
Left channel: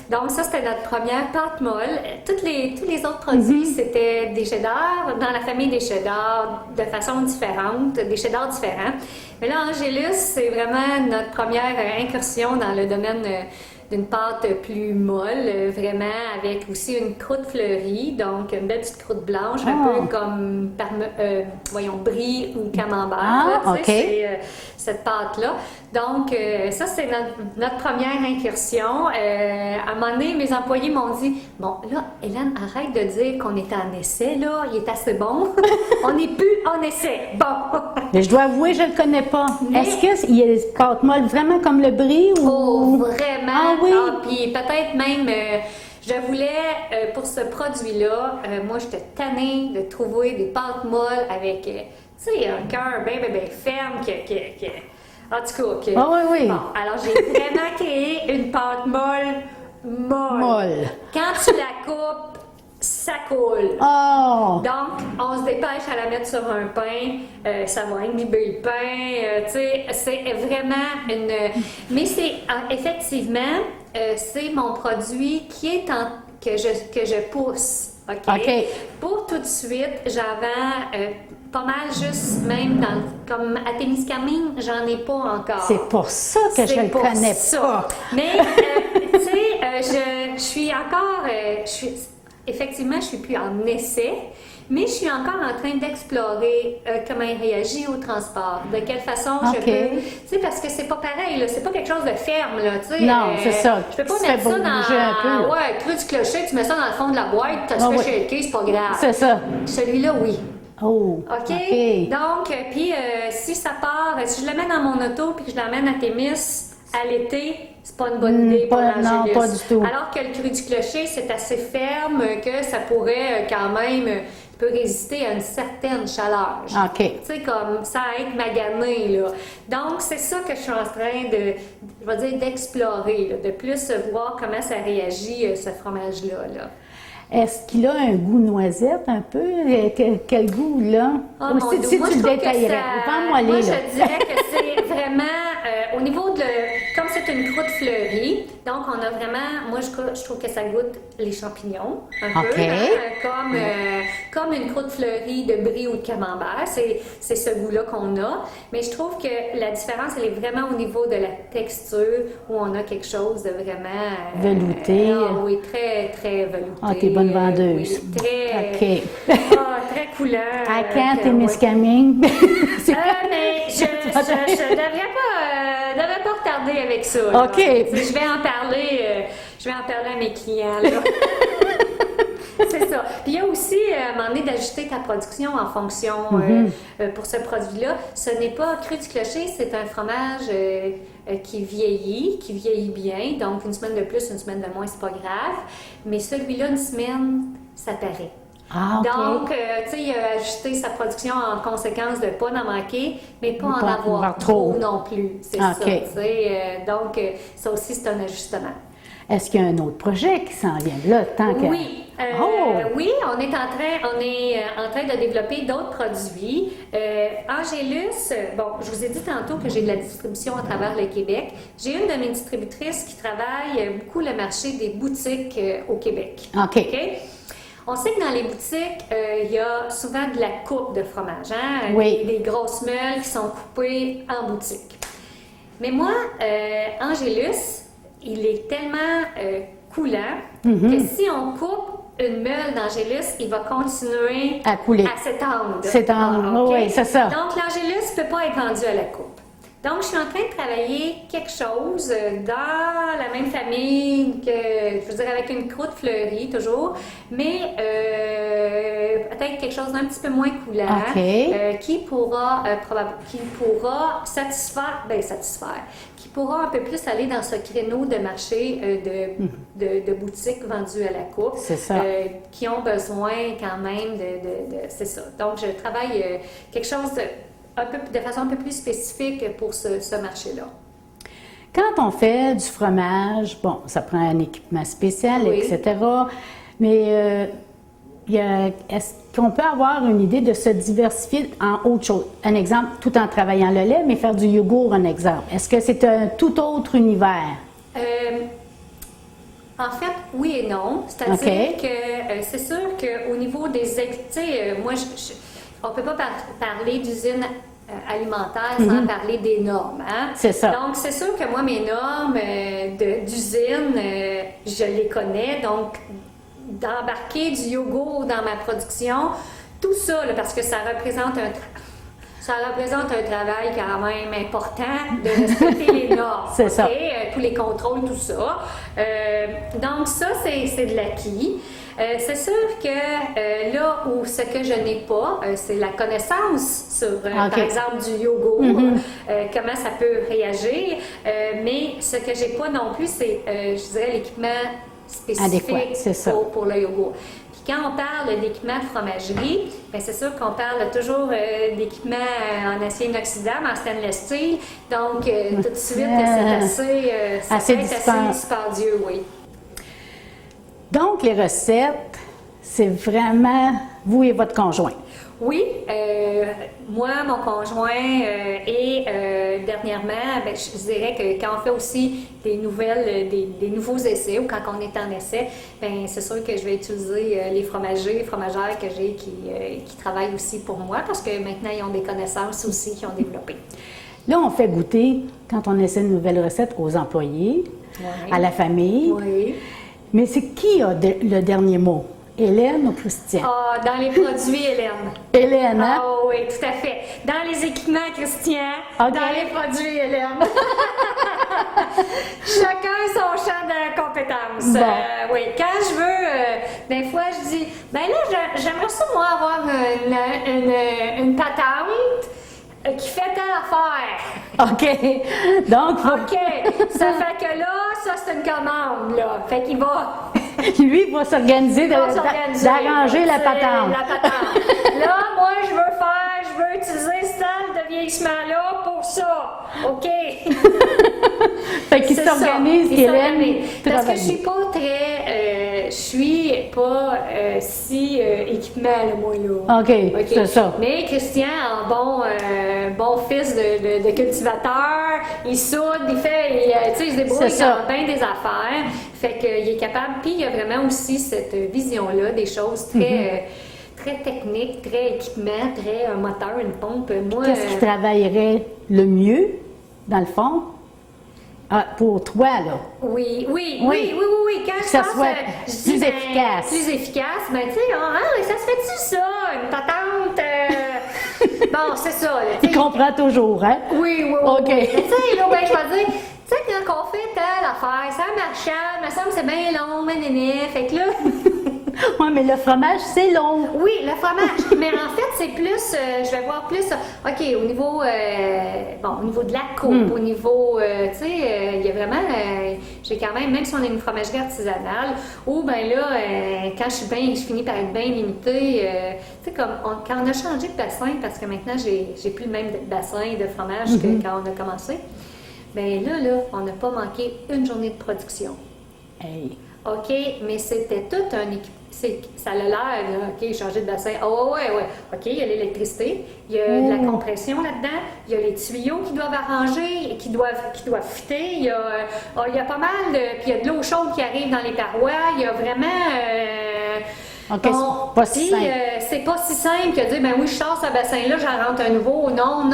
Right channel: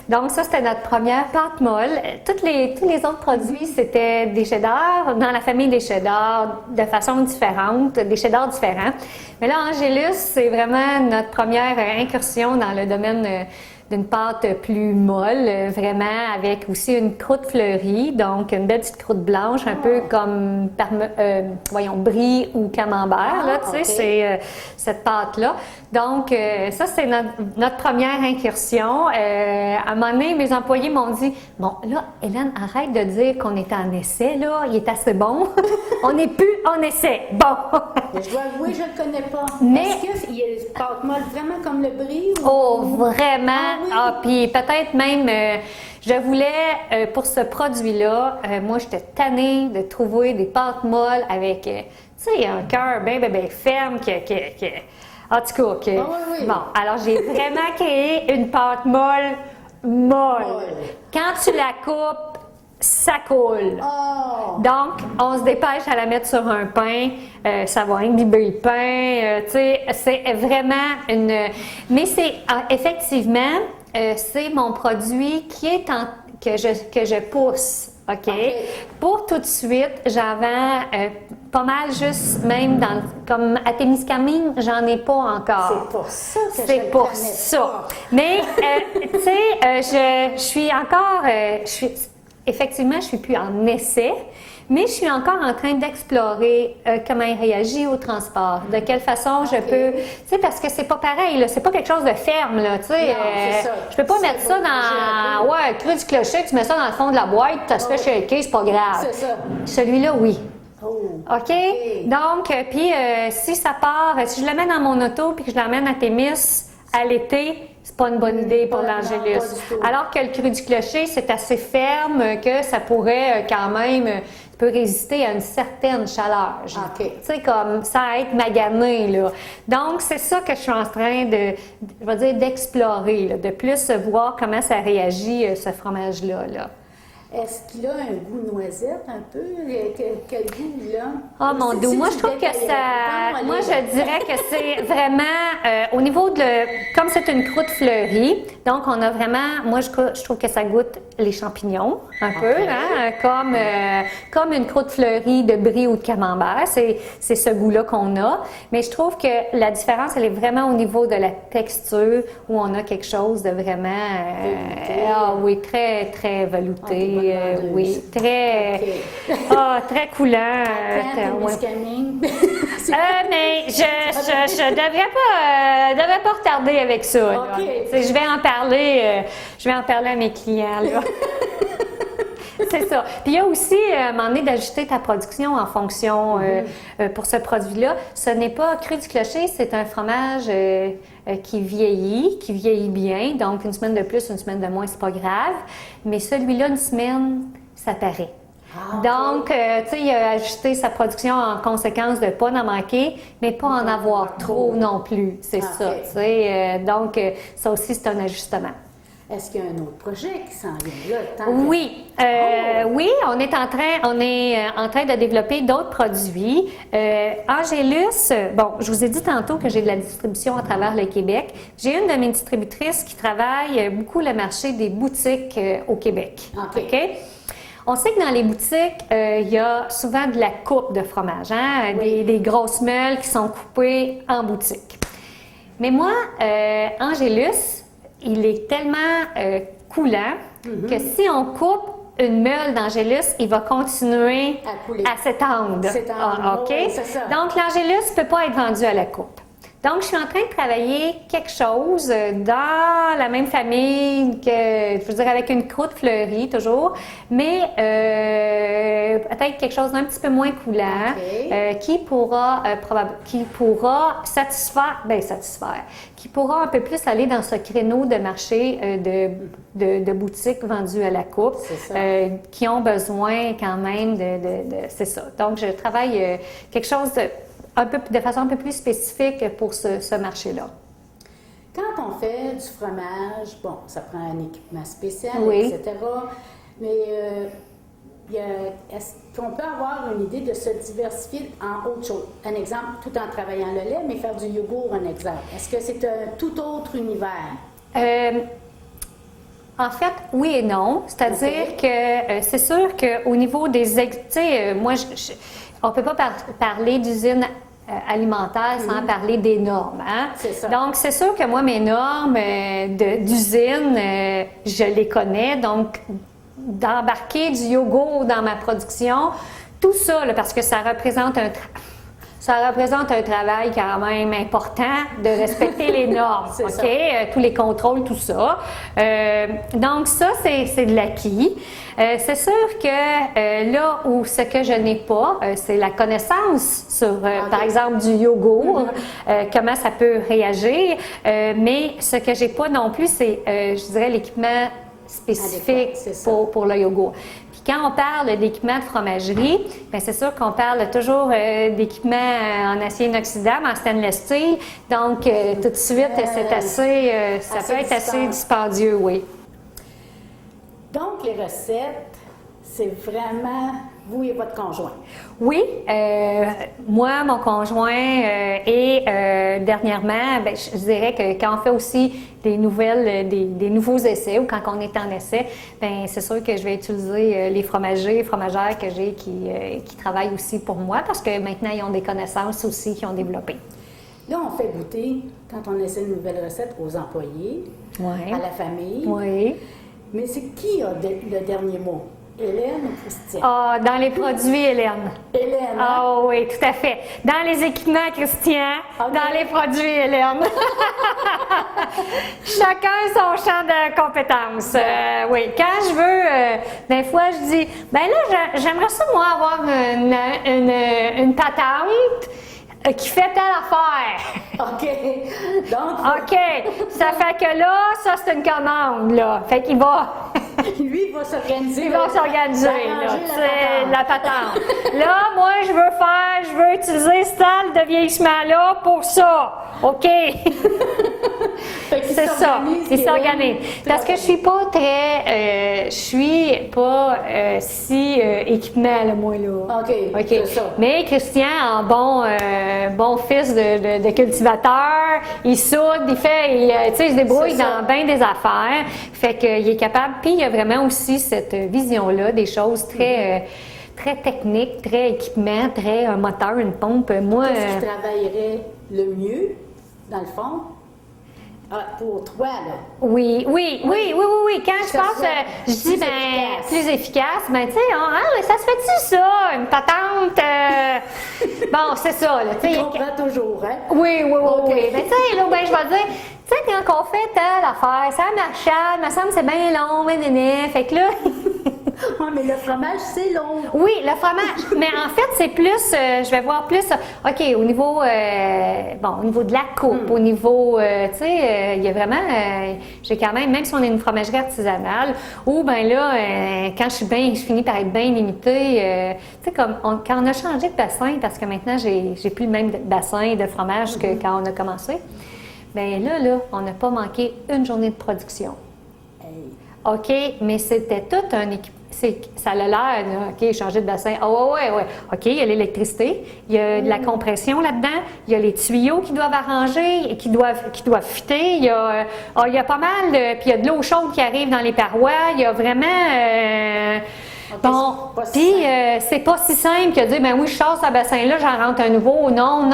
Donc ça, c'était notre première pâte molle. Tous les autres produits, c'était des cheddars, dans la famille des cheddars, de façon différente, des cheddars différents. Mais là, Angélus, c'est vraiment notre première incursion dans le domaine d'une pâte plus molle, vraiment avec aussi une croûte fleurie, donc une belle petite croûte blanche, un peu comme, brie ou camembert, là, tu sais, c'est cette pâte-là. Donc, ça, c'est notre première incursion. À un moment donné, mes employés m'ont dit, « Bon, là, Hélène, arrête de dire qu'on est en essai, là, il est assez bon. On n'est plus en essai. Bon. » Mais je dois avouer, je ne le connais pas. Mais... Est-ce qu'il y a des pâtes molles vraiment comme le brie? Ou... Oh, vraiment? Ah oui? Ah, puis peut-être même, je voulais, pour ce produit-là, moi, j'étais tannée de trouver des pâtes molles avec, tu sais, un cœur bien ferme, en tout cas, Ah oui, oui. Bon, alors j'ai vraiment créé une pâte molle. Quand tu la coupes, ça coule. Oh! Donc, on se dépêche à la mettre sur un pain, ça va imbiber le pain, tu sais, c'est vraiment une... Mais c'est, effectivement, c'est mon produit qui est que je pousse, OK? Pour tout de suite, j'en vends pas mal juste même comme à Témiscamingue, j'en ai pas encore. C'est pour ça que je ne connais pas. Mais, tu sais, je suis encore... Effectivement, je ne suis plus en essai, mais je suis encore en train d'explorer comment il réagit au transport, de quelle façon je peux... Tu sais, parce que c'est pas pareil, là, c'est pas quelque chose de ferme, là, tu sais. Non, c'est ça. Je peux pas mettre ça dans... Ouais, creux du clocher, tu mets ça dans le fond de la boîte, tu te fais shaker, c'est pas grave. C'est ça. Celui-là, oui. Oh, OK? Donc, puis si ça part, si je le mets dans mon auto puis que je l'emmène à Témis à l'été, c'est pas une bonne idée pour l'Angélus. Non, pas du tout. Alors que le cru du clocher, c'est assez ferme que ça pourrait quand même peut résister à une certaine chaleur. OK. Tu sais, comme ça à être magané, là. Donc, c'est ça que je suis en train d'explorer, là, de plus voir comment ça réagit, ce fromage-là, là. Est-ce qu'il a un goût noisette un peu? Quel goût, là? Oh mon Dieu, moi je trouve que ça... Moi je dirais que c'est vraiment, au niveau de... Comme c'est une croûte fleurie, donc on a vraiment... Moi je trouve que ça goûte les champignons, un peu, hein, comme une croûte fleurie de brie ou de camembert. C'est ce goût-là qu'on a. Mais je trouve que la différence, elle est vraiment au niveau de la texture, où on a quelque chose de vraiment... velouté. Oui, très, très velouté. Ah, t'es bonne vendeuse. Oui, très... très coulant. À quand Témiscamingue? Mais je devrais pas retarder avec ça. Là. OK. Je vais en parler à mes clients. Là. C'est ça. Puis il y a aussi, à un moment donné, d'ajuster ta production en fonction pour ce produit-là. Ce n'est pas cru du clocher, c'est un fromage qui vieillit bien. Donc, une semaine de plus, une semaine de moins, c'est pas grave. Mais celui-là, une semaine, ça paraît. Ah, okay. Donc, tu sais, il a ajusté sa production en conséquence de ne pas en manquer, mais pas en avoir trop non plus. C'est ça, tu sais. Donc, ça aussi, c'est un ajustement. Est-ce qu'il y a un autre projet qui s'en vient là? Oui. Oui, on est en train de développer d'autres produits. Angélus, bon, je vous ai dit tantôt que j'ai de la distribution à travers le Québec. J'ai une de mes distributrices qui travaille beaucoup le marché des boutiques au Québec. OK. On sait que dans les boutiques, il y a souvent de la coupe de fromage, hein? Oui. Des grosses meules qui sont coupées en boutique. Mais moi, Angélus, il est tellement coulant que si on coupe une meule d'Angélus, il va continuer à couler, à s'étendre. Oui, c'est ça. Donc, l'Angélus ne peut pas être vendu à la coupe. Donc, je suis en train de travailler quelque chose dans la même famille que, je veux dire, avec une croûte fleurie toujours, mais peut-être quelque chose d'un petit peu moins coulant, qui pourra qui pourra un peu plus aller dans ce créneau de marché de boutiques vendues à la coupe, qui ont besoin quand même c'est ça. Donc, je travaille quelque chose de façon un peu plus spécifique pour ce marché-là. Quand on fait du fromage, bon, ça prend un équipement spécial, etc. Mais est-ce qu'on peut avoir une idée de se diversifier en autre chose? Un exemple, tout en travaillant le lait, mais faire du yogourt, un exemple. Est-ce que c'est un tout autre univers? En fait, oui et non. C'est-à-dire que c'est sûr qu'au niveau des... Tu sais, moi, on ne peut pas parler d'usine alimentaire sans parler des normes. Hein? C'est ça. Donc, c'est sûr que moi, mes normes d'usine, je les connais. Donc, d'embarquer du yogourt dans ma production, tout ça, là, parce que ça représente un travail quand même important de respecter les normes, c'est ça. Tous les contrôles, tout ça. Donc ça, c'est de l'acquis. C'est sûr que là où ce que je n'ai pas, c'est la connaissance sur, par exemple, du yogourt, comment ça peut réagir. Mais ce que j'ai pas non plus, c'est, je dirais, l'équipement spécifique pour le yogourt. Quand on parle d'équipement de fromagerie, bien, c'est sûr qu'on parle toujours d'équipement en acier inoxydable, en stainless steel. Donc, tout de suite, ça peut être assez dispendieux, oui. Donc, les recettes, c'est vraiment vous et votre conjoint. Oui, moi, mon conjoint et dernièrement, bien, je dirais que quand on fait aussi des nouveaux essais ou quand on est en essai, bien, c'est sûr que je vais utiliser les fromagères que j'ai qui travaillent aussi pour moi parce que maintenant, ils ont des connaissances aussi qu'ils ont développées. Là, on fait goûter, quand on essaie une nouvelle recette, aux employés, à la famille. Oui. Mais c'est qui a le dernier mot? Hélène ou Christian? Ah, dans les produits, Hélène. Hélène, hein? Ah oui, tout à fait. Dans les équipements, Christian. Okay. Dans les produits, Hélène. Chacun son champ de compétences. Oui, quand je veux, des fois, je dis, ben là, j'aimerais ça, moi, avoir une patente qui fait telle affaire. OK. Donc, OK. Ça fait que là, ça, c'est une commande, là. Fait qu'il va... Lui, il va s'organiser, d'arranger la patente. Là, moi, je veux utiliser ce stade de vieillissement-là pour ça. OK. Fait qu'il s'organise. Il s'organise. Parce que je suis pas si équipement, là, moi, là. OK, c'est ça. Mais Christian, en bon fils de cultivateur, il soude, il se débrouille dans bien des affaires. Fait qu'il est capable. Puis il y a vraiment aussi cette vision-là des choses très techniques, très équipement, très un moteur, une pompe. Moi, qu'est-ce qui travaillerait le mieux, dans le fond? Pour toi, là. Oui. Quand je pense, je dis plus efficace, ben tu sais, ça se fait-tu ça, une patente? Bon, c'est ça. Il comprend toujours, hein? Oui. OK. Mais tu sais, là, ben, je vais dire, tu sais, quand on fait telle affaire, ça marche, il me semble que c'est bien long, fait que là... Oui, mais le fromage, c'est long. Oui, le fromage. Mais en fait, c'est plus, je vais voir plus, OK, au niveau de la coupe, au niveau, tu sais, il y a vraiment, j'ai quand même si on est une fromagerie artisanale, où, ben là, quand je finis par être bien limitée, tu sais, comme, quand on a changé de bassin, parce que maintenant, j'ai plus le même bassin de fromage que quand on a commencé, bien là, on n'a pas manqué une journée de production. Hey. OK, mais c'était tout un équipement. Ça a l'air, OK, changer de bassin. Ouais. OK, il y a l'électricité, il y a de la compression là-dedans, il y a les tuyaux qui doivent arranger, qui doivent fitter, il y a pas mal puis il y a de l'eau chaude qui arrive dans les parois, il y a vraiment... Okay, c'est pas si simple que de dire, ben oui, je sors ce bassin-là, j'en rentre un nouveau. Non.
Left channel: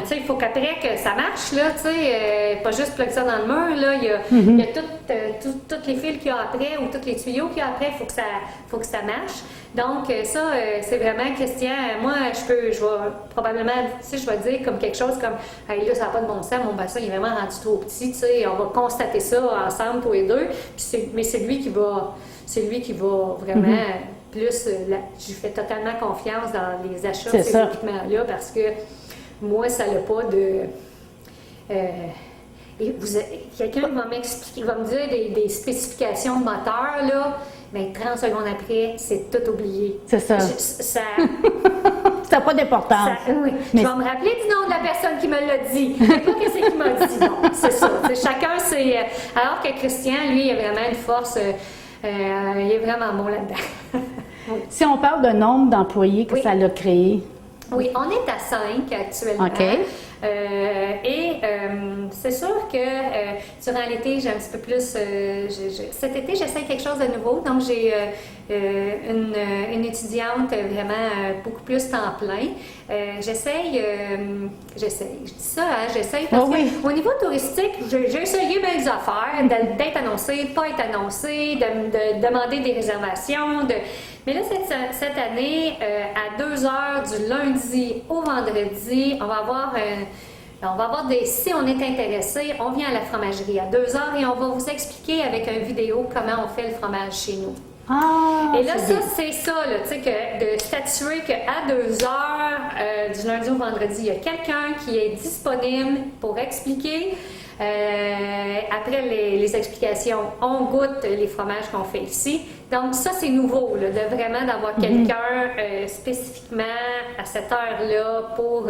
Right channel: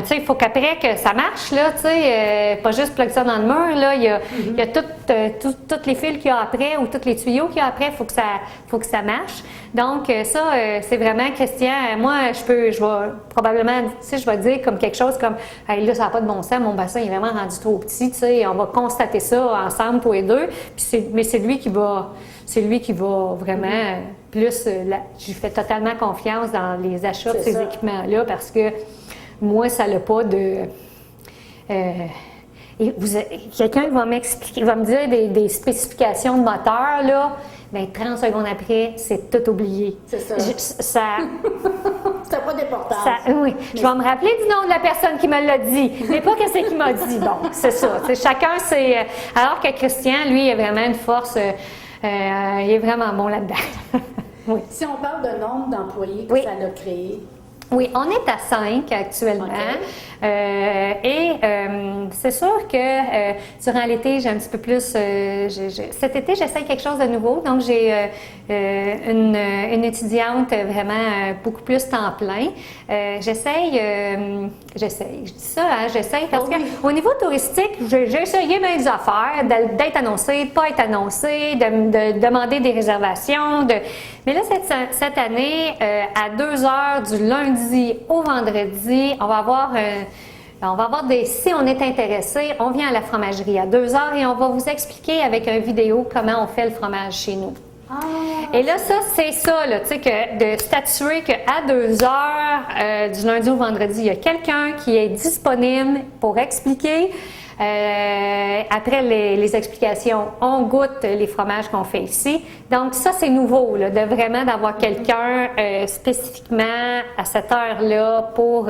Tu sais, il faut qu'après que ça marche, là, tu sais, pas juste plug ça dans le mur, là, il y a toutes les fils qu'il y a après ou tous les tuyaux qu'il y a après, il faut que ça marche. Donc, ça, c'est vraiment, Christian, moi, je vais probablement, tu sais, je vais dire comme quelque chose comme, hey, là, ça n'a pas de bon sens, mon bassin est vraiment rendu trop petit, tu sais, on va constater ça ensemble, tous les deux, mais c'est lui qui va vraiment plus, je fais totalement confiance dans les achats de ces équipements-là parce que moi, ça n'a pas de... quelqu'un va m'expliquer, va me dire des spécifications de moteur, là, bien 30 secondes après, c'est tout oublié. C'est ça. Ça n'a pas d'importance. Oui. Je vais me rappeler du nom de la personne qui me l'a dit, mais pas qu'est-ce qu'il m'a dit. Bon, c'est ça. Chacun, c'est... Alors que Christian, lui, il a vraiment une force... il est vraiment bon là-dedans. Oui. Si on parle de nombre d'employés que Oui. ça l'a créé. Oui, on est à 5 actuellement. OK. C'est sûr que durant l'été, j'ai un petit peu plus. Cet été, j'essaie quelque chose de nouveau. Donc, j'ai une étudiante vraiment beaucoup plus temps plein. J'essaye, je dis ça, hein, j'essaye parce qu'au niveau touristique, j'ai essayé mes affaires, d'être annoncé, de ne pas être annoncé, de demander des réservations. Mais là, cette année, à 2 heures du lundi au vendredi, on va avoir si on est intéressé, on vient à la fromagerie à 2 heures et on va vous expliquer avec une vidéo comment on fait le fromage chez nous. Ah, Et là, c'est ça, là, tu sais, de statuer qu'à 2 heures du lundi au vendredi, il y a quelqu'un qui est disponible pour expliquer. Après les explications, on goûte les fromages qu'on fait ici. Donc ça, c'est nouveau, là, d'avoir quelqu'un spécifiquement à cette heure-là pour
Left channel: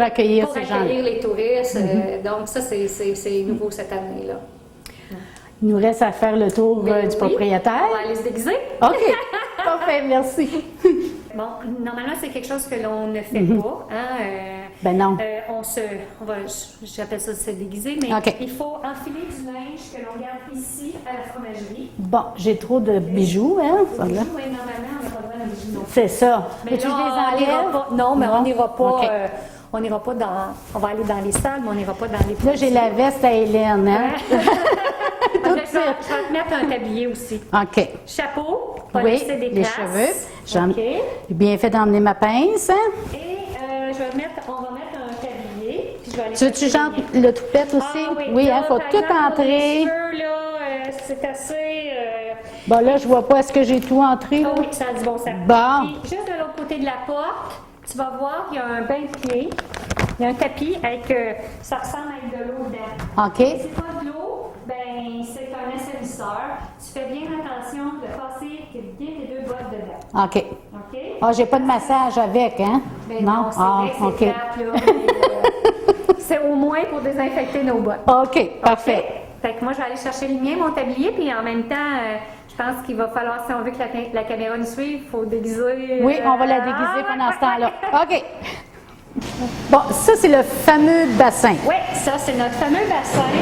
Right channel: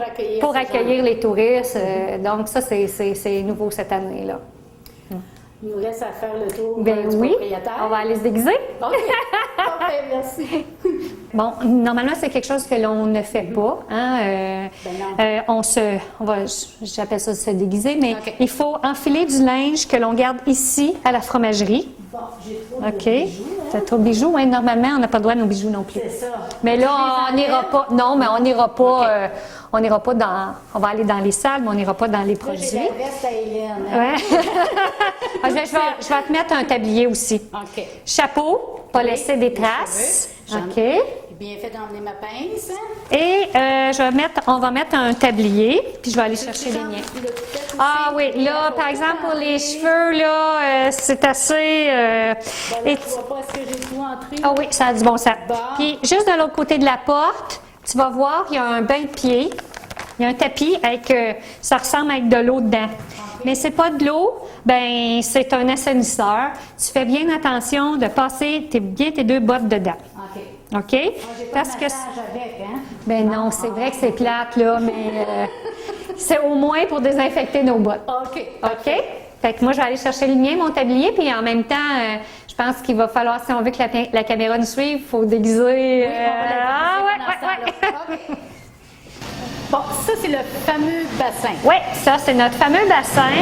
accueillir les touristes. Donc ça, c'est nouveau cette année-là. Il nous reste à faire le tour du propriétaire. On va aller se déguiser. OK. Parfait, merci. Bon, normalement, c'est quelque chose que l'on ne fait pas. Hein? Ben non. J'appelle ça se déguiser, mais OK. il faut enfiler du linge que l'on garde ici à la fromagerie. Bon, j'ai trop de bijoux. Hein? T'as trop de bijoux? Oui, normalement, on n'a pas le droit à nos bijoux non plus. C'est ça. Mais Faut-tu là, que je on les n'ira enlève? pas. Non, mais on n'ira pas. OK. On n'ira pas dans. On va aller dans les salles, mais on n'ira pas dans les Là, produits. j'ai la veste à Hélène. Hein? Je vais te mettre un tablier aussi. OK. Chapeau, pas laisser des les traces. cheveux. OK. J'ai bien fait d'emmener ma pince. Hein? Et on va mettre un tablier, puis je vais aller chercher le mien. Le toupette aussi? Ah oui, hein, là, faut par tout exemple, pour entrer. les cheveux, là, c'est assez... Bon, là, je vois pas, est-ce que j'ai tout entré? Ah oui, ça a du bon sens. Bon. Puis, juste de l'autre côté de la porte, tu vas voir, il y a un bain de pied. Il y a un tapis avec, ça ressemble avec de l'eau dedans. OK. Mais c'est pas de l'eau, ben c'est un assainisseur. Tu fais bien attention de passer bien tes 2 bottes dedans. OK. OK? Ah, j'ai pas de Parce que massage avec, hein? ben non, c'est vrai que c'est OK. plate, là, mais c'est au moins pour désinfecter nos bottes. OK, parfait. OK? Fait que moi, je vais aller chercher le mien, mon tablier, puis en même temps, je pense qu'il va falloir, si on veut que la caméra nous suive, il faut déguiser. Oui, on va la déguiser pendant ce temps-là. OK. Bon, ça, c'est le fameux bassin. Oui, ça, c'est notre fameux bassin.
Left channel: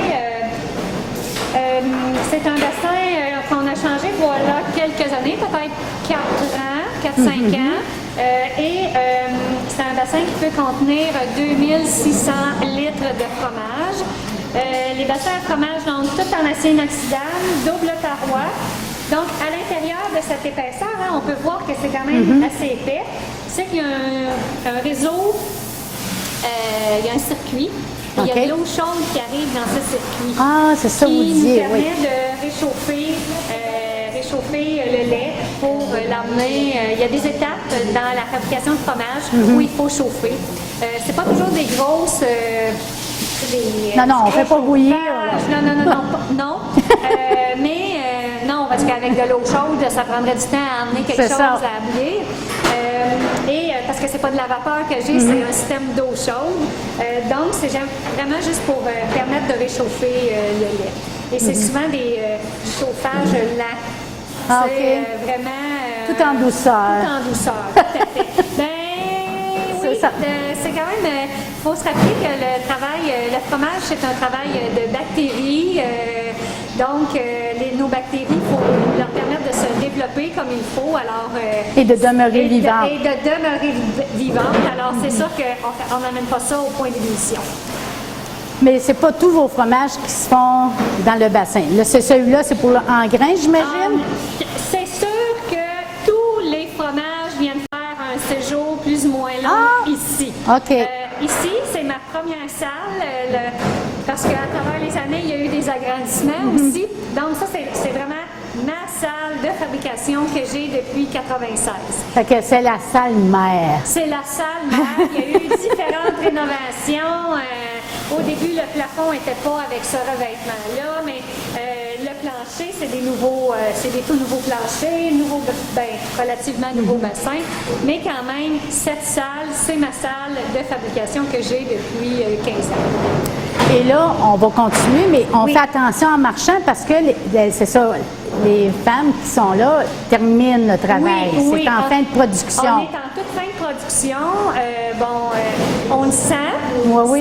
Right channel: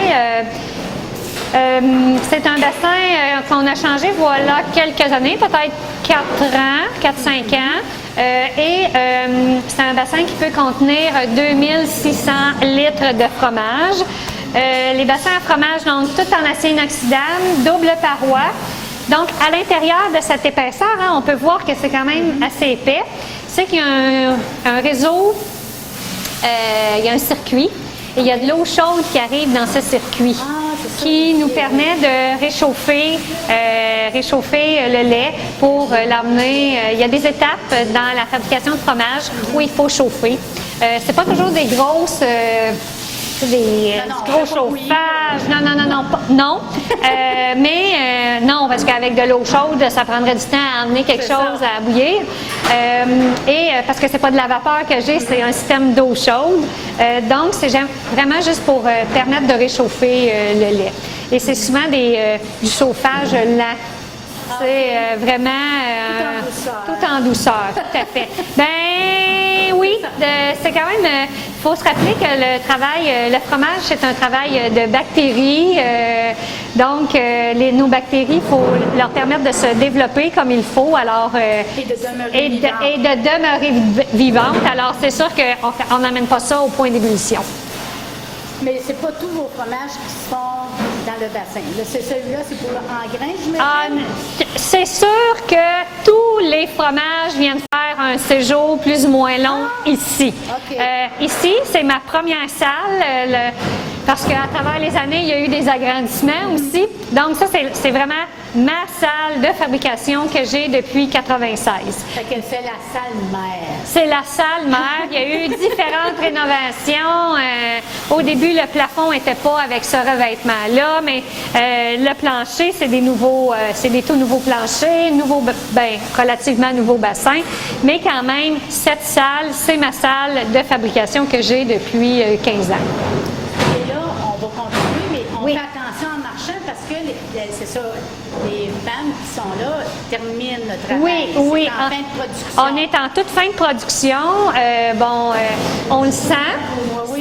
C'est un bassin qu'on a changé, voilà, quelques années, peut-être 4 ans, 4-5 ans. C'est un bassin qui peut contenir 2600 litres de fromage. Les bassins à fromage, donc, tout en acier inoxydable, double paroi. Donc, à l'intérieur de cette épaisseur, hein, on peut voir que c'est quand même assez épais. C'est qu'il y a un réseau, il y a un circuit. Et il y a de l'eau chaude qui arrive dans ce circuit, Ah, c'est ça, qui vous nous disiez, permet de réchauffer le lait pour l'emmener. Il y a des étapes dans la fabrication de fromage où il faut chauffer. C'est pas toujours des grosses... Non, on fait pas bouillir. Non. Non, parce qu'avec de l'eau chaude, ça prendrait du temps à amener quelque chose à bouillir. Parce que c'est pas de la vapeur que j'ai, c'est un système d'eau chaude. Donc, c'est vraiment juste pour permettre de réchauffer le lait. Et c'est souvent du chauffage lent. C'est vraiment... Tout en douceur. Tout en douceur, tout à fait. Ben oui, c'est quand même... Il faut se rappeler que le fromage, c'est un travail de bactéries. Donc, nos bactéries, il faut leur permettre de se développer comme il faut. Alors, Et de demeurer vivante. Et de demeurer vivante. Alors, c'est sûr qu'on n'amène pas ça au point d'ébullition. Mais c'est pas tous vos fromages qui se font dans le bassin. Là, celui-là, c'est pour en grains, j'imagine? C'est sûr que tous les fromages viennent faire un séjour plus ou moins long ici. OK. Ici, c'est ma première salle, parce qu'à travers les années, il y a eu des agrandissements aussi. Donc ça, c'est vraiment ma salle de fabrication que j'ai depuis 1996. Fait que c'est la salle mère. C'est la salle mère. Il y a eu différentes rénovations. Au début, le plafond n'était pas avec ce revêtement-là, mais le plancher, c'est des tout nouveaux planchers, relativement nouveaux bassins. Mais quand même, cette salle, c'est ma salle de fabrication que j'ai depuis 15 ans. Et là, on va continuer, mais on Oui. fait attention en marchant parce que c'est ça, les femmes qui sont là terminent le travail. Oui, C'est en fin de production. On est en toute fin de production. On le sent. Oui.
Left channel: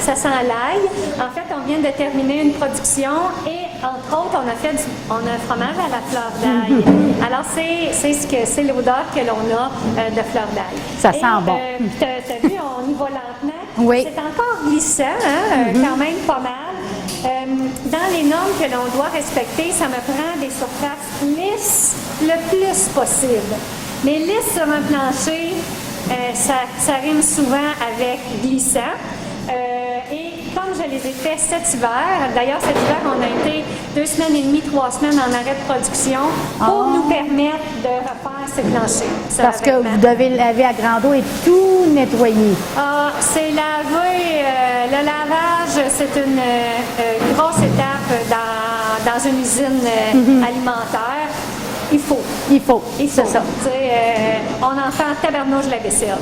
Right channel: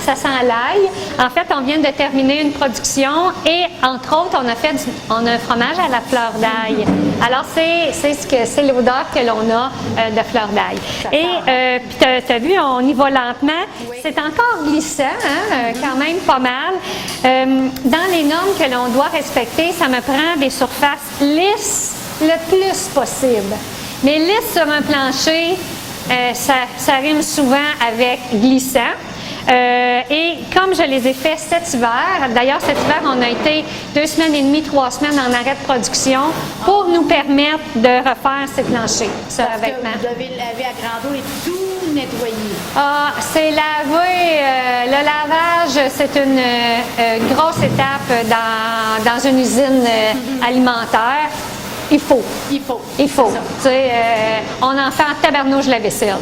Ça sent l'ail. En fait, on vient de terminer une production et, entre autres, on a un fromage à la fleur d'ail. Alors, c'est l'odeur que l'on a de fleur d'ail. Ça sent bon. Puis, tu as vu, on y va lentement. Oui. C'est encore glissant, hein, quand même pas mal. Dans les normes que l'on doit respecter, ça me prend des surfaces lisses le plus possible. Mais lisse sur un plancher, ça rime souvent avec glissant. Et comme je les ai fait cet hiver, d'ailleurs cet hiver on a été 2 semaines et demie, 3 semaines en arrêt de production pour nous permettre de refaire ces planchers. Parce que vous devez laver à grande eau et tout nettoyer. C'est lavé, le lavage c'est une grosse étape dans une usine alimentaire. Il faut. C'est ça. Tu sais, on en fait en tabarnouche la vaisselle.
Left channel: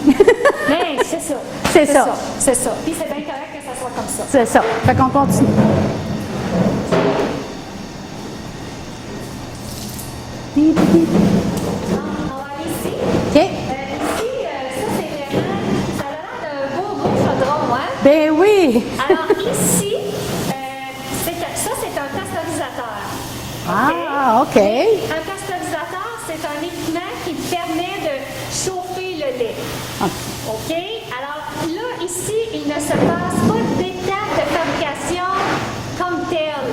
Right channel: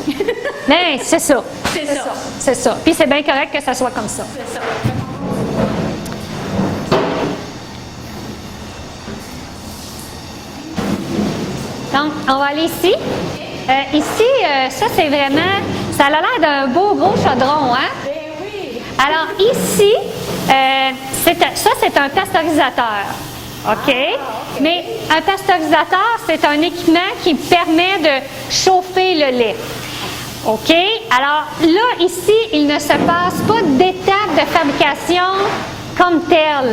Mais c'est ça. C'est ça. Puis c'est bien correct que ça soit comme ça. C'est ça. Fait qu'on continue. Donc, on va aller ici. OK. Ici, ça c'est vraiment, ça a l'air d'un beau gros chaudron, hein? Ben oui. Alors ici, ça c'est un pasteurisateur. OK? Ah, OK. Mais un pasteurisateur, c'est un équipement qui permet de chauffer le lait. OK? Alors là, ici, il ne se passe pas d'étape de fabrication comme telle.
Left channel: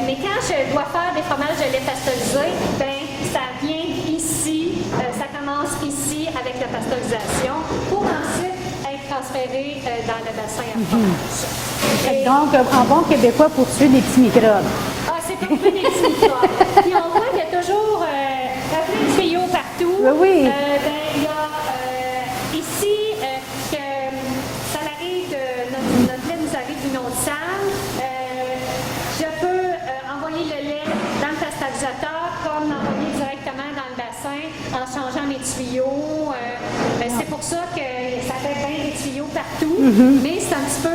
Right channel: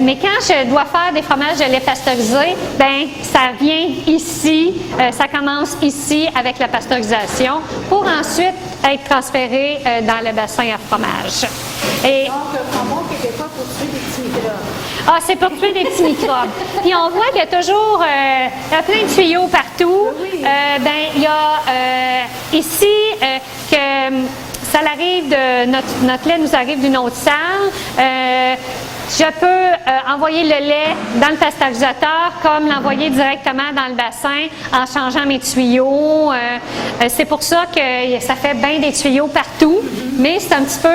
Mais quand je dois faire des fromages de lait pasteurisé, ben ça vient ici, ça commence ici avec la pasteurisation pour ensuite être transféré dans le bassin à fromage. Et Donc, en bon québécois, pour tuer des petits microbes. c'est pour tuer des petits microbes. Puis on voit qu'il y a toujours plein de tuyaux partout. Oui. Il y a ici que ça arrive notre lait nous arrive d'une autre salle. Je peux envoyer le lait dans le pasteurisateur comme l'envoyer directement dans le bassin en changeant mes tuyaux. C'est pour ça que ça fait bien des tuyaux partout, mais c'est un petit peu...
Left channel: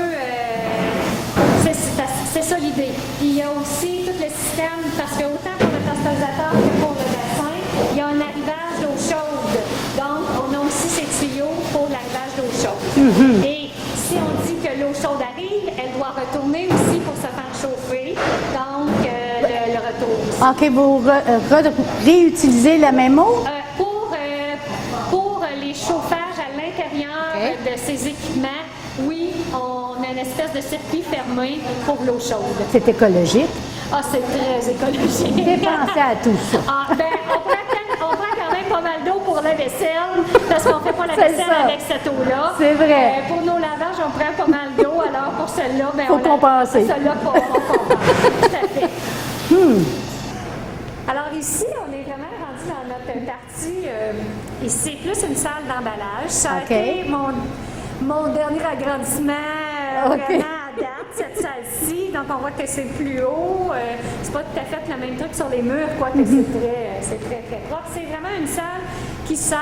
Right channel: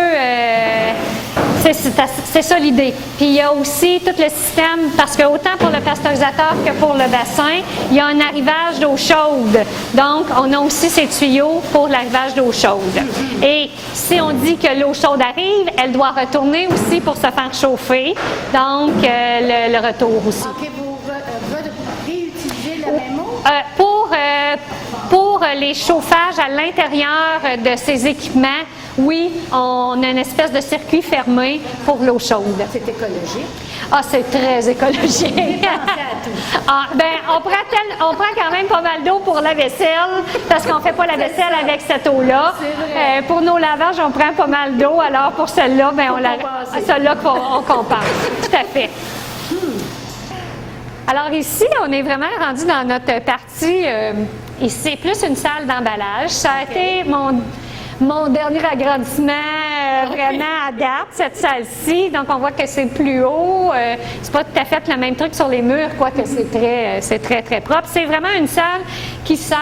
c'est ça l'idée. Puis il y a aussi tout le système, parce que autant pour le pasteurisateur que pour le bassin, il y a un arrivage d'eau chaude. Donc, on a aussi ces tuyaux pour l'arrivage d'eau chaude. Et si on dit que l'eau chaude arrive, elle doit retourner aussi pour se faire chauffer. Donc, le retour aussi. OK, vous réutilisez la même eau? Pour les chauffages à l'intérieur de ces équipements, oui, on a une espèce de circuit fermé pour l'eau chaude. C'est écologique. C'est très écologique. Pensez à tout ça. On prend quand même pas mal d'eau pour la vaisselle, parce qu'on ne fait pas la vaisselle ça. avec cette eau-là. C'est vrai. Pour nos lavages, on prend pas mal d'eau. Alors, pour celle-là, Faut compenser. celle-là, on compense. Tout à fait. Alors ici, on est vraiment rendu dans notre partie, ici, c'est plus une salle d'emballage. Ça a été mon dernier agrandissement vraiment à date, cette salle-ci. Donc on voit que c'est plus haut. C'est pas tout à fait le même truc sur les murs, quoique c'est très, très propre. C'est vraiment une salle qui sert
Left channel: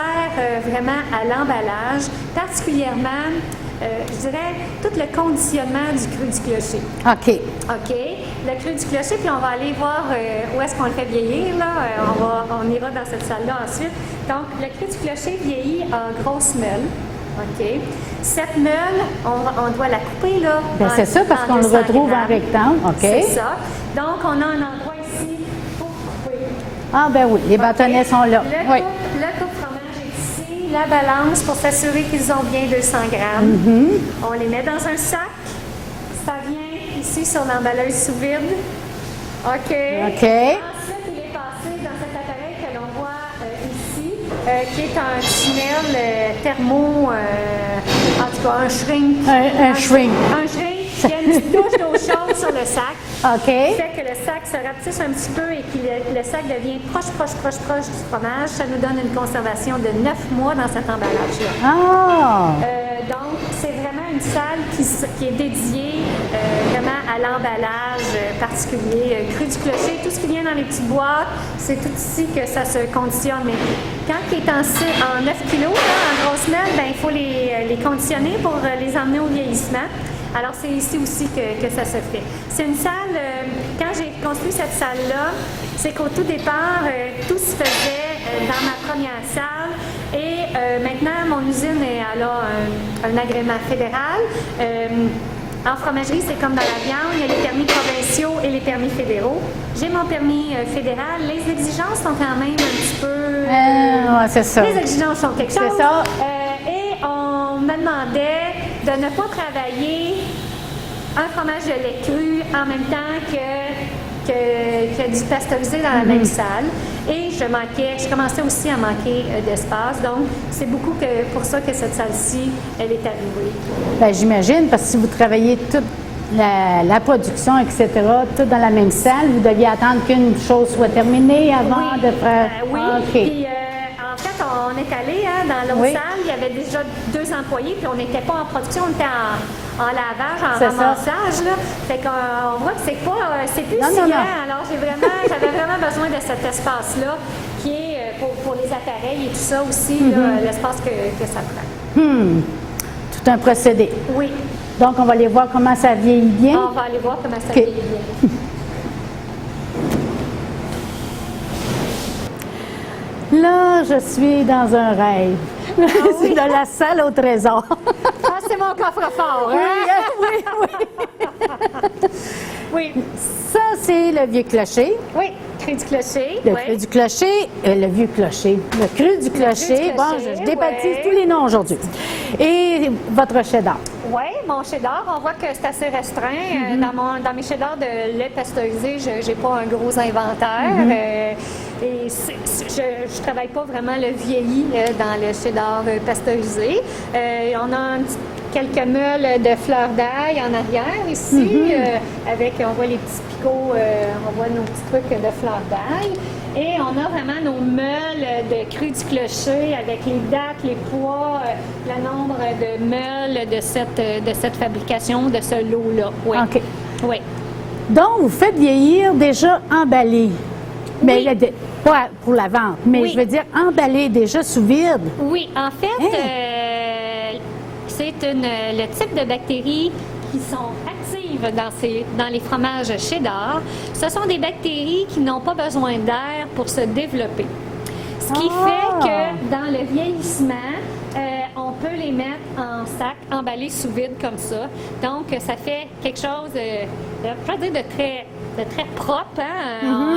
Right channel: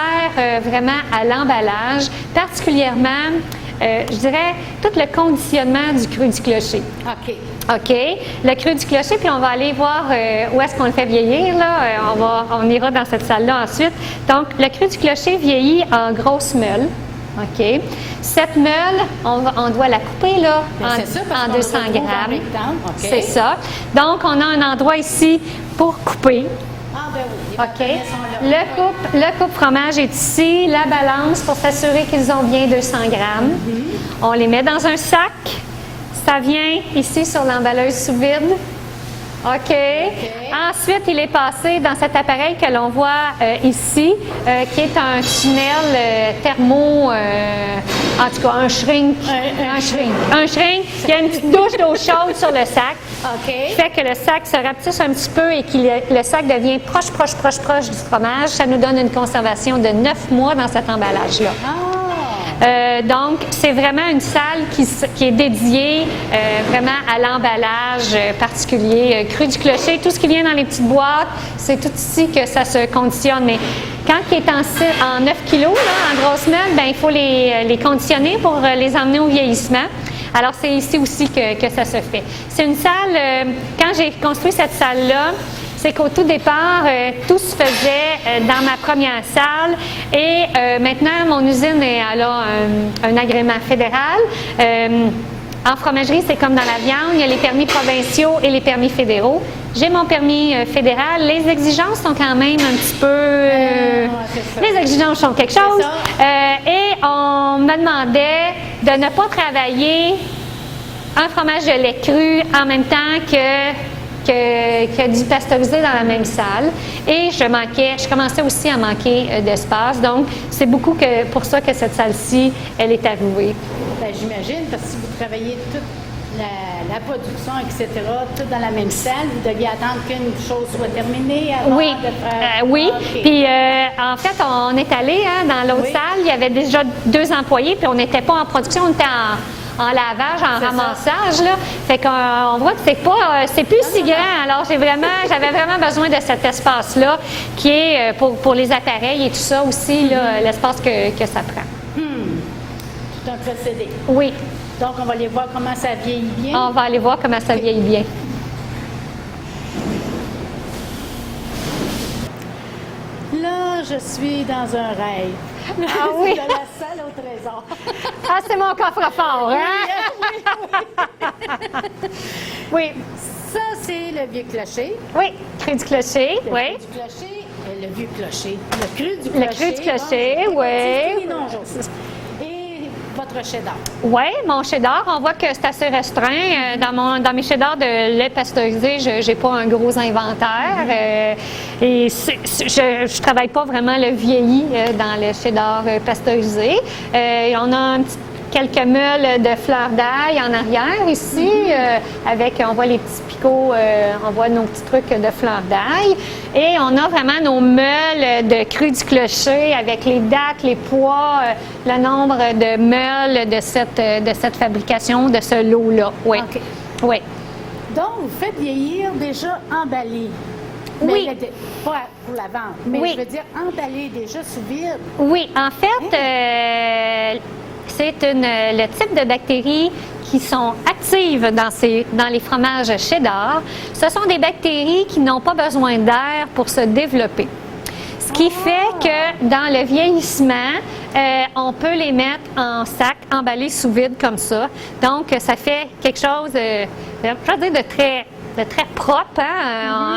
vraiment à l'emballage, particulièrement je dirais, tout le conditionnement du cru du clocher. OK. OK. Le cru du clocher, puis on va aller voir où est-ce qu'on le fait vieillir. Là. On ira dans cette salle-là ensuite. Donc, le cru du clocher vieillit en grosse meule. OK. Cette meule, on doit la couper là, C'est ça, parce qu'on le retrouve en rectangle. OK. C'est ça. Donc, on a un endroit ici pour couper. Ah, ben oui, les bâtonnets sont là. Le coupe-fromage est ici, la balance pour s'assurer qu'ils ont bien 200 grammes. On les met dans un sac. Ça vient ici sur l'emballeuse sous vide. OK. Ensuite, il est passé dans cet appareil que l'on voit ici, qui est un tunnel thermo, en tout cas un shrink. Un shrink. Un shrink. Il y a une petite douche d'eau chaude sur le sac. OK. Qui fait que le sac se rapetisse un petit peu et que le sac devient proche du fromage. Ça nous donne une conservation de 9 mois dans cet emballage-là. Ah! Donc, c'est vraiment une salle qui est dédiée vraiment à l'emballage particulier. Cru du clocher, tout ce qui vient dans les petites boîtes, c'est tout ici que ça se conditionne. Mais quand il est en 9 kilos, là, en grosse meule, ben, il faut les conditionner pour les emmener au vieillissement. Alors, c'est ici aussi que ça se fait. C'est une salle, quand j'ai construit cette salle-là, c'est qu'au tout départ, tout se faisait dans ma première salle et maintenant, mon usine elle a un agrément fédéral. En fromagerie, c'est comme dans la viande, il y a les permis provinciaux et les permis fédéraux. J'ai mon permis fédéral. Les exigences sont quand même un petit peu... c'est ça. Les exigences sont quelque chose. Et on me demandait de ne pas travailler un fromage de lait cru en même temps que du pasteurisé dans la même salle. Et je commençais aussi à manquer d'espace. Donc, c'est beaucoup pour ça que cette salle-ci, elle est arrivée. Bien, j'imagine, parce que si vous travaillez toute la production, etc., tout dans la même salle, vous deviez attendre qu'une chose soit terminée avant de faire... oui. Okay. Puis, en fait, on est allé dans l'autre salle. Il y avait déjà 2 employés, puis on n'était pas en production, on était en lavage, en ramassage. Là. Fait qu'on voit que c'est plus si grand. Alors, j'avais vraiment besoin de cet espace-là qui est pour les appareils et tout ça aussi, l'espace que ça prend. Tout un procédé. Oui. Donc, on va aller voir comment ça vieillit bien. On va aller voir comment ça vieillit bien. Là, je suis dans un rêve. C'est de la salle au trésor. Ah, c'est mon coffre-fort, hein? Oui. Ça, c'est le vieux clocher. Oui, cru du clocher. Le cru du clocher, le vieux clocher. Le cru du clocher. Bon, je débaptise tous les noms aujourd'hui. Et votre cheddar. Oui, mon cheddar, on voit que c'est assez restreint. Dans mes cheddars de lait pasteurisé, je n'ai pas un gros inventaire. Et je ne travaille pas vraiment le vieilli dans le cheddar pasteurisé. On a quelques meules de fleurs d'ail en arrière ici, on voit les petits picots, on voit nos petits trucs de fleurs d'ail. Et on a vraiment nos meules de cru du clocher avec les dates, les poids, le nombre de meules de cette fabrication, de ce lot-là. Oui. OK. Oui. Donc, vous faites vieillir déjà emballé. Mais pas pour la vente, mais je veux dire emballé déjà sous vide. Oui, en fait, c'est le type de bactéries qui sont actives dans les fromages cheddar. Ce sont des bactéries qui n'ont pas besoin d'air pour se développer. Ce qui fait que dans le vieillissement, on peut les mettre en sac, emballés sous vide comme ça. Donc, ça fait quelque chose, je vais dire, de très propre, hein?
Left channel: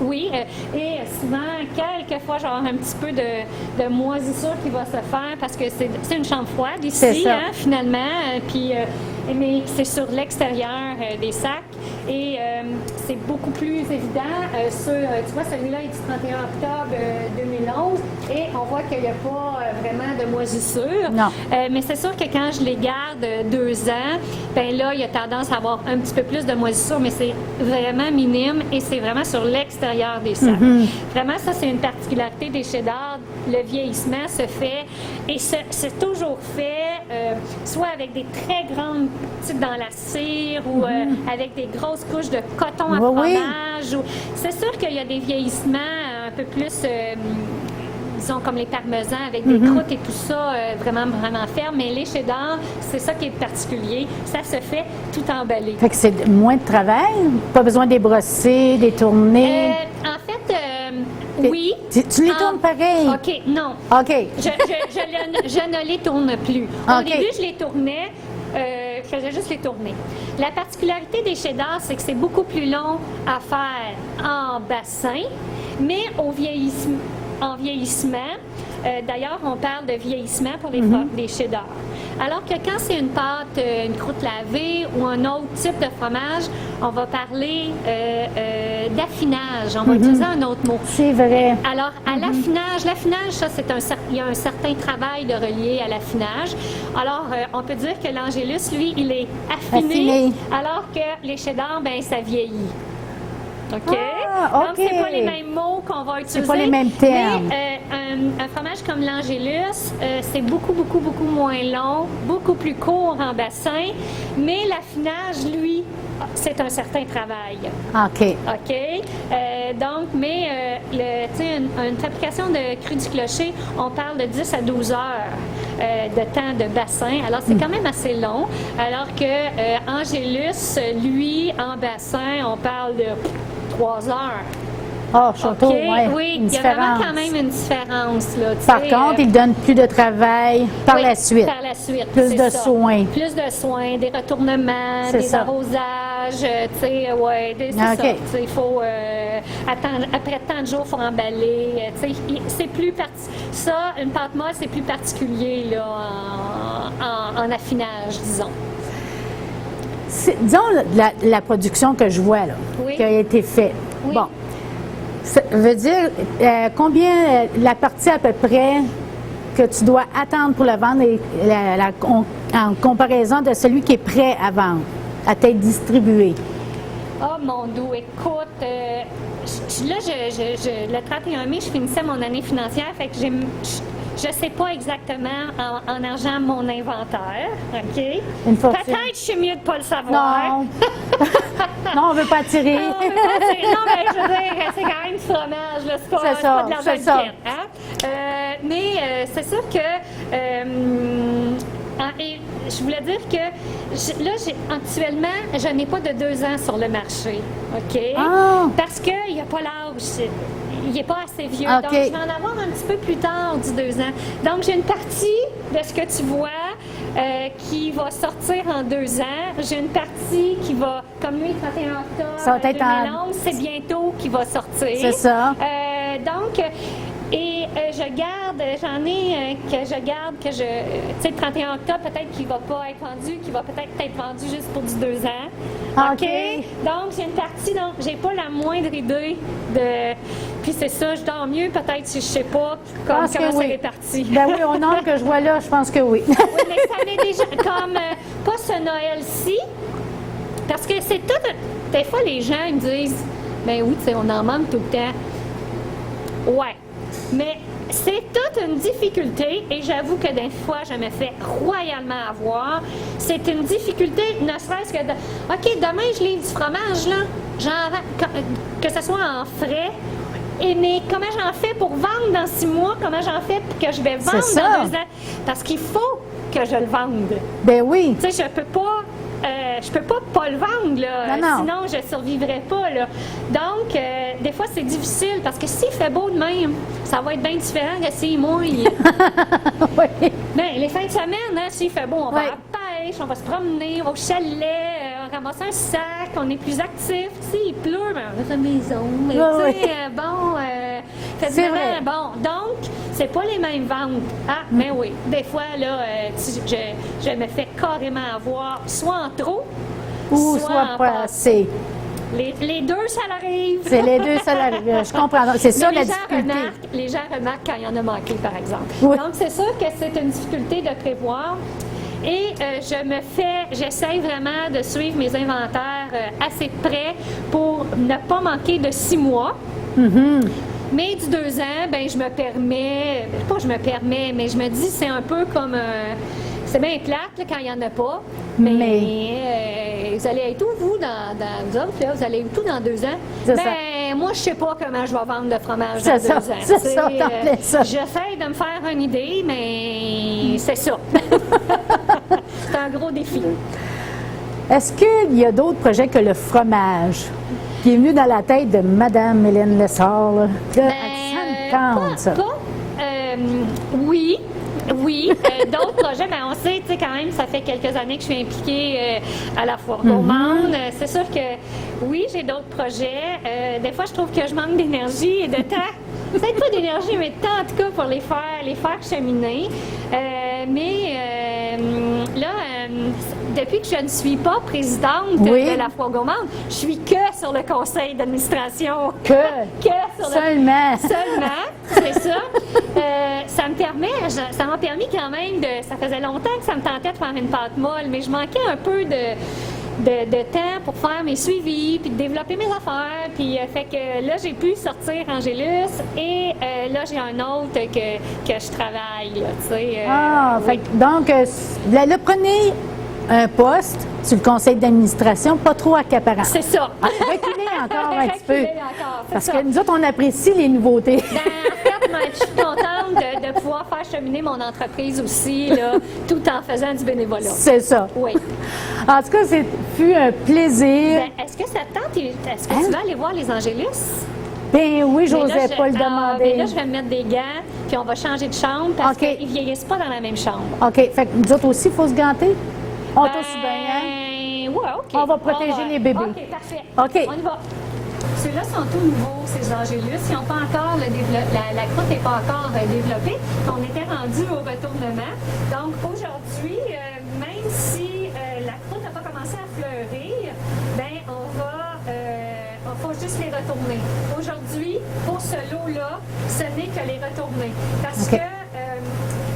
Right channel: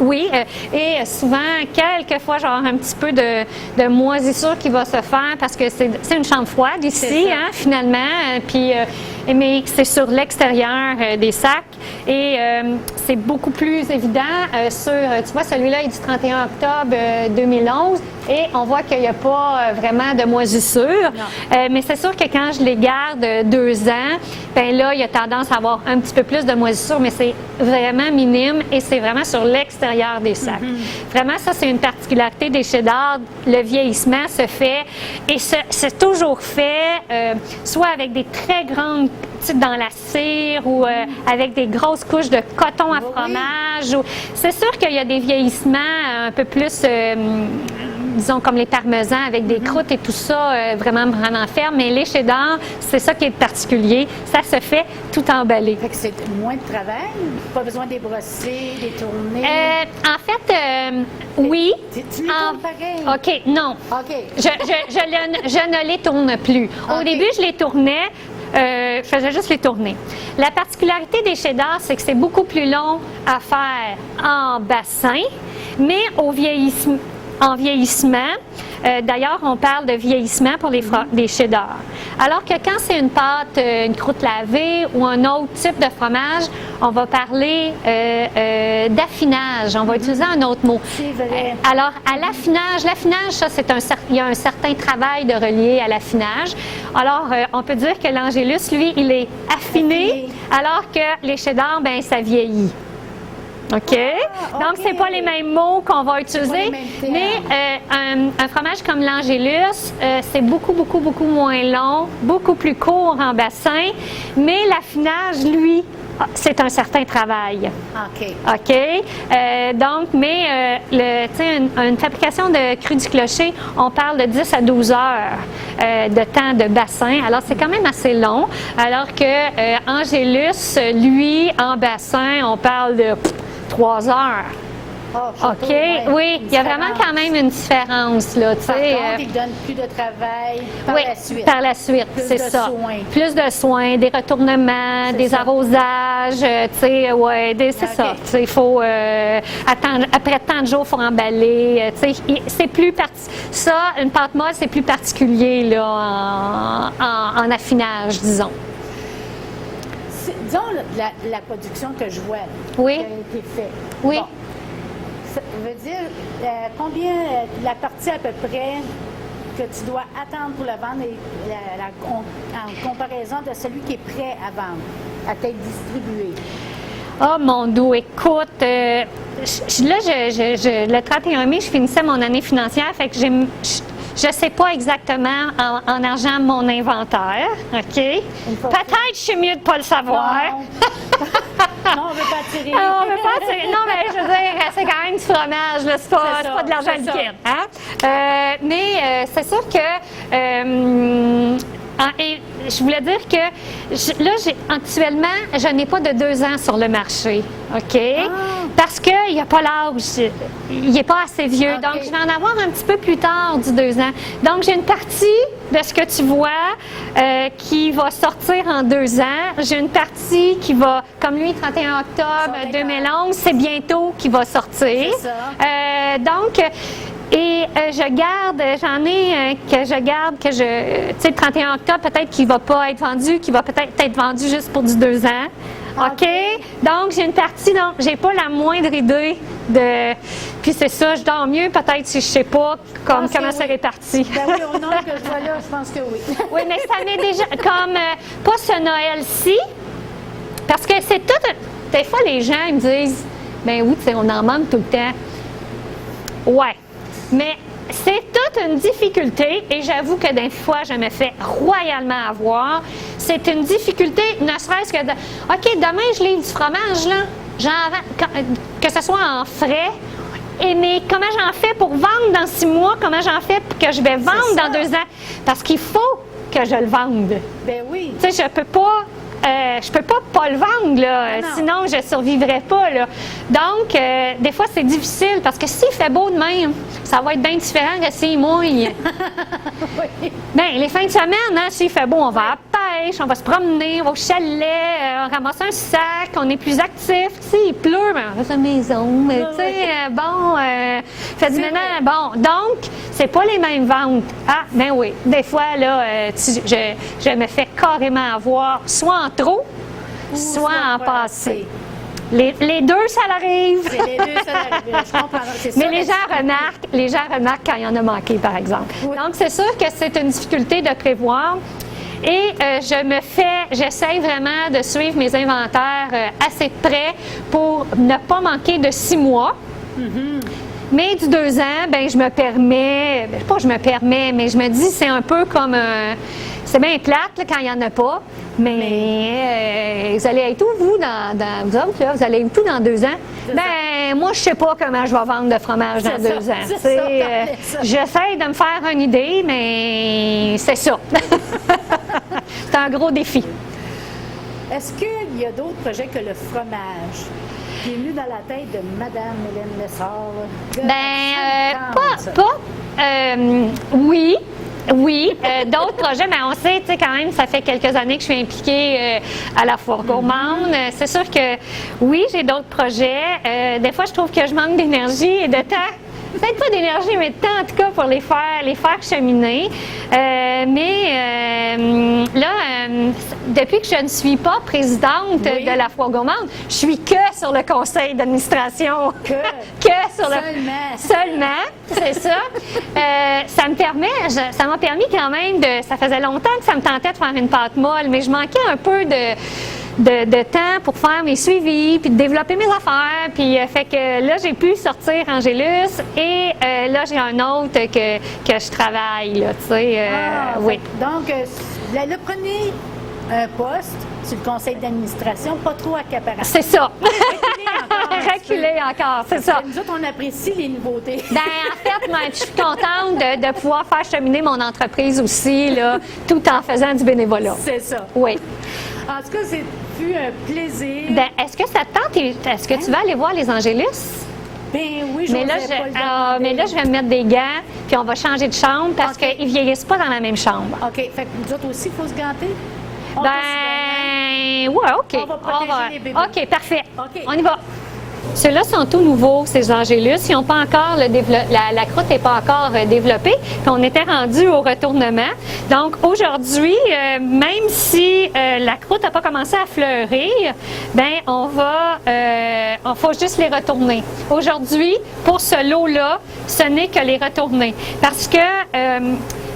Oui, et souvent, quelquefois, genre un petit peu de moisissure qui va se faire parce que c'est une chambre froide ici, hein, finalement, puis, mais c'est sur l'extérieur des sacs et c'est beaucoup plus évident tu vois, celui-là est du 31 octobre 2011 et on voit qu'il n'y a pas vraiment de moisissure. Mais c'est sûr que quand je les garde 2 ans, bien là, il y a tendance à avoir un petit peu plus de moisissure, mais c'est vraiment minime et c'est vraiment sur l'extérieur des sacs. Vraiment, ça, c'est une particularité des cheddar. Le vieillissement se fait et c'est toujours fait soit avec des très grandes petites dans la cire ou avec des grosses couches de coton à fromage. C'est sûr qu'il y a des vieillissements un peu plus... disons comme les parmesans avec des croûtes et tout ça, vraiment ferme. Mais les cheddar, c'est ça qui est particulier. Ça se fait tout emballé. Fait que c'est moins de travail? Pas besoin de les brosser, les tourner? En fait, oui. Tu les tournes pareil? OK, non. OK. Je ne les tourne plus. Au début, je les tournais. Je faisais juste les tourner. La particularité des cheddar, c'est que c'est beaucoup plus long à faire en bassin, mais en vieillissement. D'ailleurs, on parle de vieillissement pour des cheddar. Alors que quand c'est une pâte, une croûte lavée ou un autre type de fromage, on va parler d'affinage. On va utiliser un autre mot. C'est vrai. Alors, à l'affinage, ça, il y a un certain travail de relier à l'affinage. Alors, on peut dire que l'Angélus, lui, il est affiné. Alors que les cheddar, bien, ça vieillit. OK? Ah, Donc, OK. c'est pas les mêmes mots qu'on va utiliser. pas les mêmes termes. Mais un fromage comme l'Angélus, c'est beaucoup, beaucoup, beaucoup moins long, beaucoup plus court en bassin. Mais l'affinage, lui, c'est un certain travail. OK. OK? Donc, mais tu sais, une fabrication de cru du clocher, on parle de 10 à 12 heures de temps de bassin. Alors, c'est quand même assez long. Alors que Angélus, lui, en bassin, on parle de 3 heures. Oh, château, OK? ouais, Oui, une il y a vraiment différence. quand même une différence. Là, tu Par sais, contre, il donne plus de travail par oui, la suite. Par la suite, Plus c'est de ça. soins. Plus de soins, des retournements, C'est des ça. arrosages, tu sais, ouais, c'est OK. ça. Tu sais, il faut attendre, après tant de jours, il faut emballer. Tu sais, c'est plus ça, une pâte molle, c'est plus particulier là en affinage, disons. Disons la production que je vois là, Oui. qui a été faite. Oui. Bon. Ça veut dire combien la partie à peu près que tu dois attendre pour la vendre et en comparaison de celui qui est prêt à vendre, à t'être distribué. Oh mon Dieu, écoute, là, le 31 mai, je finissais mon année financière, fait que je ne sais pas exactement en argent mon inventaire, OK? Une fortune. Peut-être je suis mieux de ne pas le savoir. Non. Non, on ne veut pas tirer. Non, mais je veux dire, c'est quand même du fromage, là, c'est pas de l'argent c'est ça. liquide. Hein? Mais c'est sûr que... et je voulais dire que là, actuellement, je n'ai pas de 2 ans sur le marché, OK? Ah. Parce qu'il n'y a pas l'âge. Il n'est pas assez vieux. OK. Donc, je vais en avoir un petit peu plus tard du 2 ans. Donc, j'ai une partie de ce que tu vois qui va sortir en 2 ans. J'ai une partie qui va, comme lui, 31 Ça octobre va être 2011, c'est bientôt qui va sortir. C'est ça. Donc, j'en ai que je garde, tu sais, 31 octobre, peut-être qu'il ne va pas être vendu, qu'il va peut-être être vendu juste pour du 2 ans. OK? Donc, j'ai une partie, donc, j'ai pas la moindre idée de. Puis c'est ça, je dors mieux peut-être si je sais pas comment pense que c'est oui. réparti. Ben oui, au nombre que je vois là, je pense que oui. Oui, mais ça m'est déjà. Comme, pas ce Noël-ci, parce que c'est tout. Des fois, les gens ils me disent, ben oui, tu sais, on en manque tout le temps. Ouais. Mais c'est toute une difficulté, et j'avoue que des fois, je me fais royalement avoir. C'est une difficulté, ne serait-ce que de. OK, demain, je livre du fromage, là. J'en vends, que ce soit en frais. Mais comment j'en fais pour vendre dans 6 mois? Comment j'en fais pour que je vais vendre ça. dans 2 ans? Parce qu'il faut que je le vende. Ben oui. Tu sais, je peux pas le vendre, là, Non, non. sinon je ne survivrais pas, là. Donc, des fois, c'est difficile, parce que s'il fait beau de même, ça va être bien différent que s'il mouille. Oui. Bien, les fins de semaine, hein, s'il fait beau, on va Oui. à la pêche, on va se promener, on va au chalet, on ramasse un sac, on est plus actifs. Tu sais, il pleut, mais on reste à la maison. Mais, Oui, tu sais, oui. fait du C'est ménage. vrai. Bon, donc, c'est pas les mêmes ventes. Ah, ben oui. Des fois, là, je me fais carrément avoir, soit en trop, Ou soit en pas passé. Les deux, ça l'arrive. C'est les deux, ça arrive. Je comprends. C'est ça Mais la les gens, difficulté. les gens remarquent quand il y en a manqué, par exemple. Oui. Donc, c'est sûr que c'est une difficulté de prévoir. Et j'essaie vraiment de suivre mes inventaires assez près pour ne pas manquer de 6 mois. Mm-hmm. Mais du 2 ans, ben je me permets, pas je me permets, mais je me dis c'est un peu comme, c'est bien plate là, quand il n'y en a pas, mais vous allez être où, vous, vous autres, là? Vous allez être où dans 2 ans? C'est Ben, moi, je sais pas comment je vais vendre de fromage dans C'est ça, 2 ans. c'est Tu sais, ça, t'en fais ça. j'essaie de me faire une idée, mais c'est ça. C'est un gros défi. Est-ce qu'il y a d'autres projets que le fromage qui est venu dans la tête de Mme Hélène Lessard? Là? Ça me tente, ça. Oui. D'autres projets, mais on sait, tu sais, quand même, ça fait quelques années que je suis impliquée à la Foire gourmande. C'est sûr que, oui, j'ai d'autres projets. Des fois, je trouve que je manque d'énergie et de temps. Peut-être pas d'énergie, mais de temps, en tout cas, pour les faire cheminer. Depuis que je ne suis pas présidente Oui. de la Foire gourmande, je suis que sur le conseil d'administration. Que sur seulement. Seulement, c'est ça. Ça m'a permis quand même ça faisait longtemps que ça me tentait de faire une pâte molle, mais je manquais un peu de temps pour faire mes suivis, puis de développer mes affaires. Puis fait que là, j'ai pu sortir Angélus et là, j'ai un autre que je travaille, là, tu sais. Oui. Donc, là, prenez un poste sur le conseil d'administration, pas trop accaparant. C'est ça. Reculez encore un petit peu. Reculer encore, c'est Parce ça. que nous autres, on apprécie les nouveautés. Ben, en fait, moi, je suis contente de pouvoir faire cheminer mon entreprise aussi, là, tout en faisant du bénévolat. C'est ça. Oui. En tout cas, c'est fut un plaisir. Ben, est-ce que ça te tente? Est-ce que tu vas aller voir les Angélus? Ben oui, je Mais là, n'osais pas le demander. mais là, je vais me mettre des gants, puis on va changer de chambre parce OK. qu'ils ne vieillissent pas dans la même chambre. OK. Fait que nous autres aussi, il faut se ganter? On Ben, tousse bien, hein? ouais, OK. On va protéger les bébés. OK, parfait. OK. On y va. Ceux-là sont tout nouveaux, ces Angélus. Ils ont pas encore la croûte n'est pas encore développée. Puis on était rendu au retournement. Donc aujourd'hui, même si la croûte n'a pas commencé à fleurir, ben on faut juste les retourner. Aujourd'hui, pour ce lot-là, ce n'est que les retourner, parce que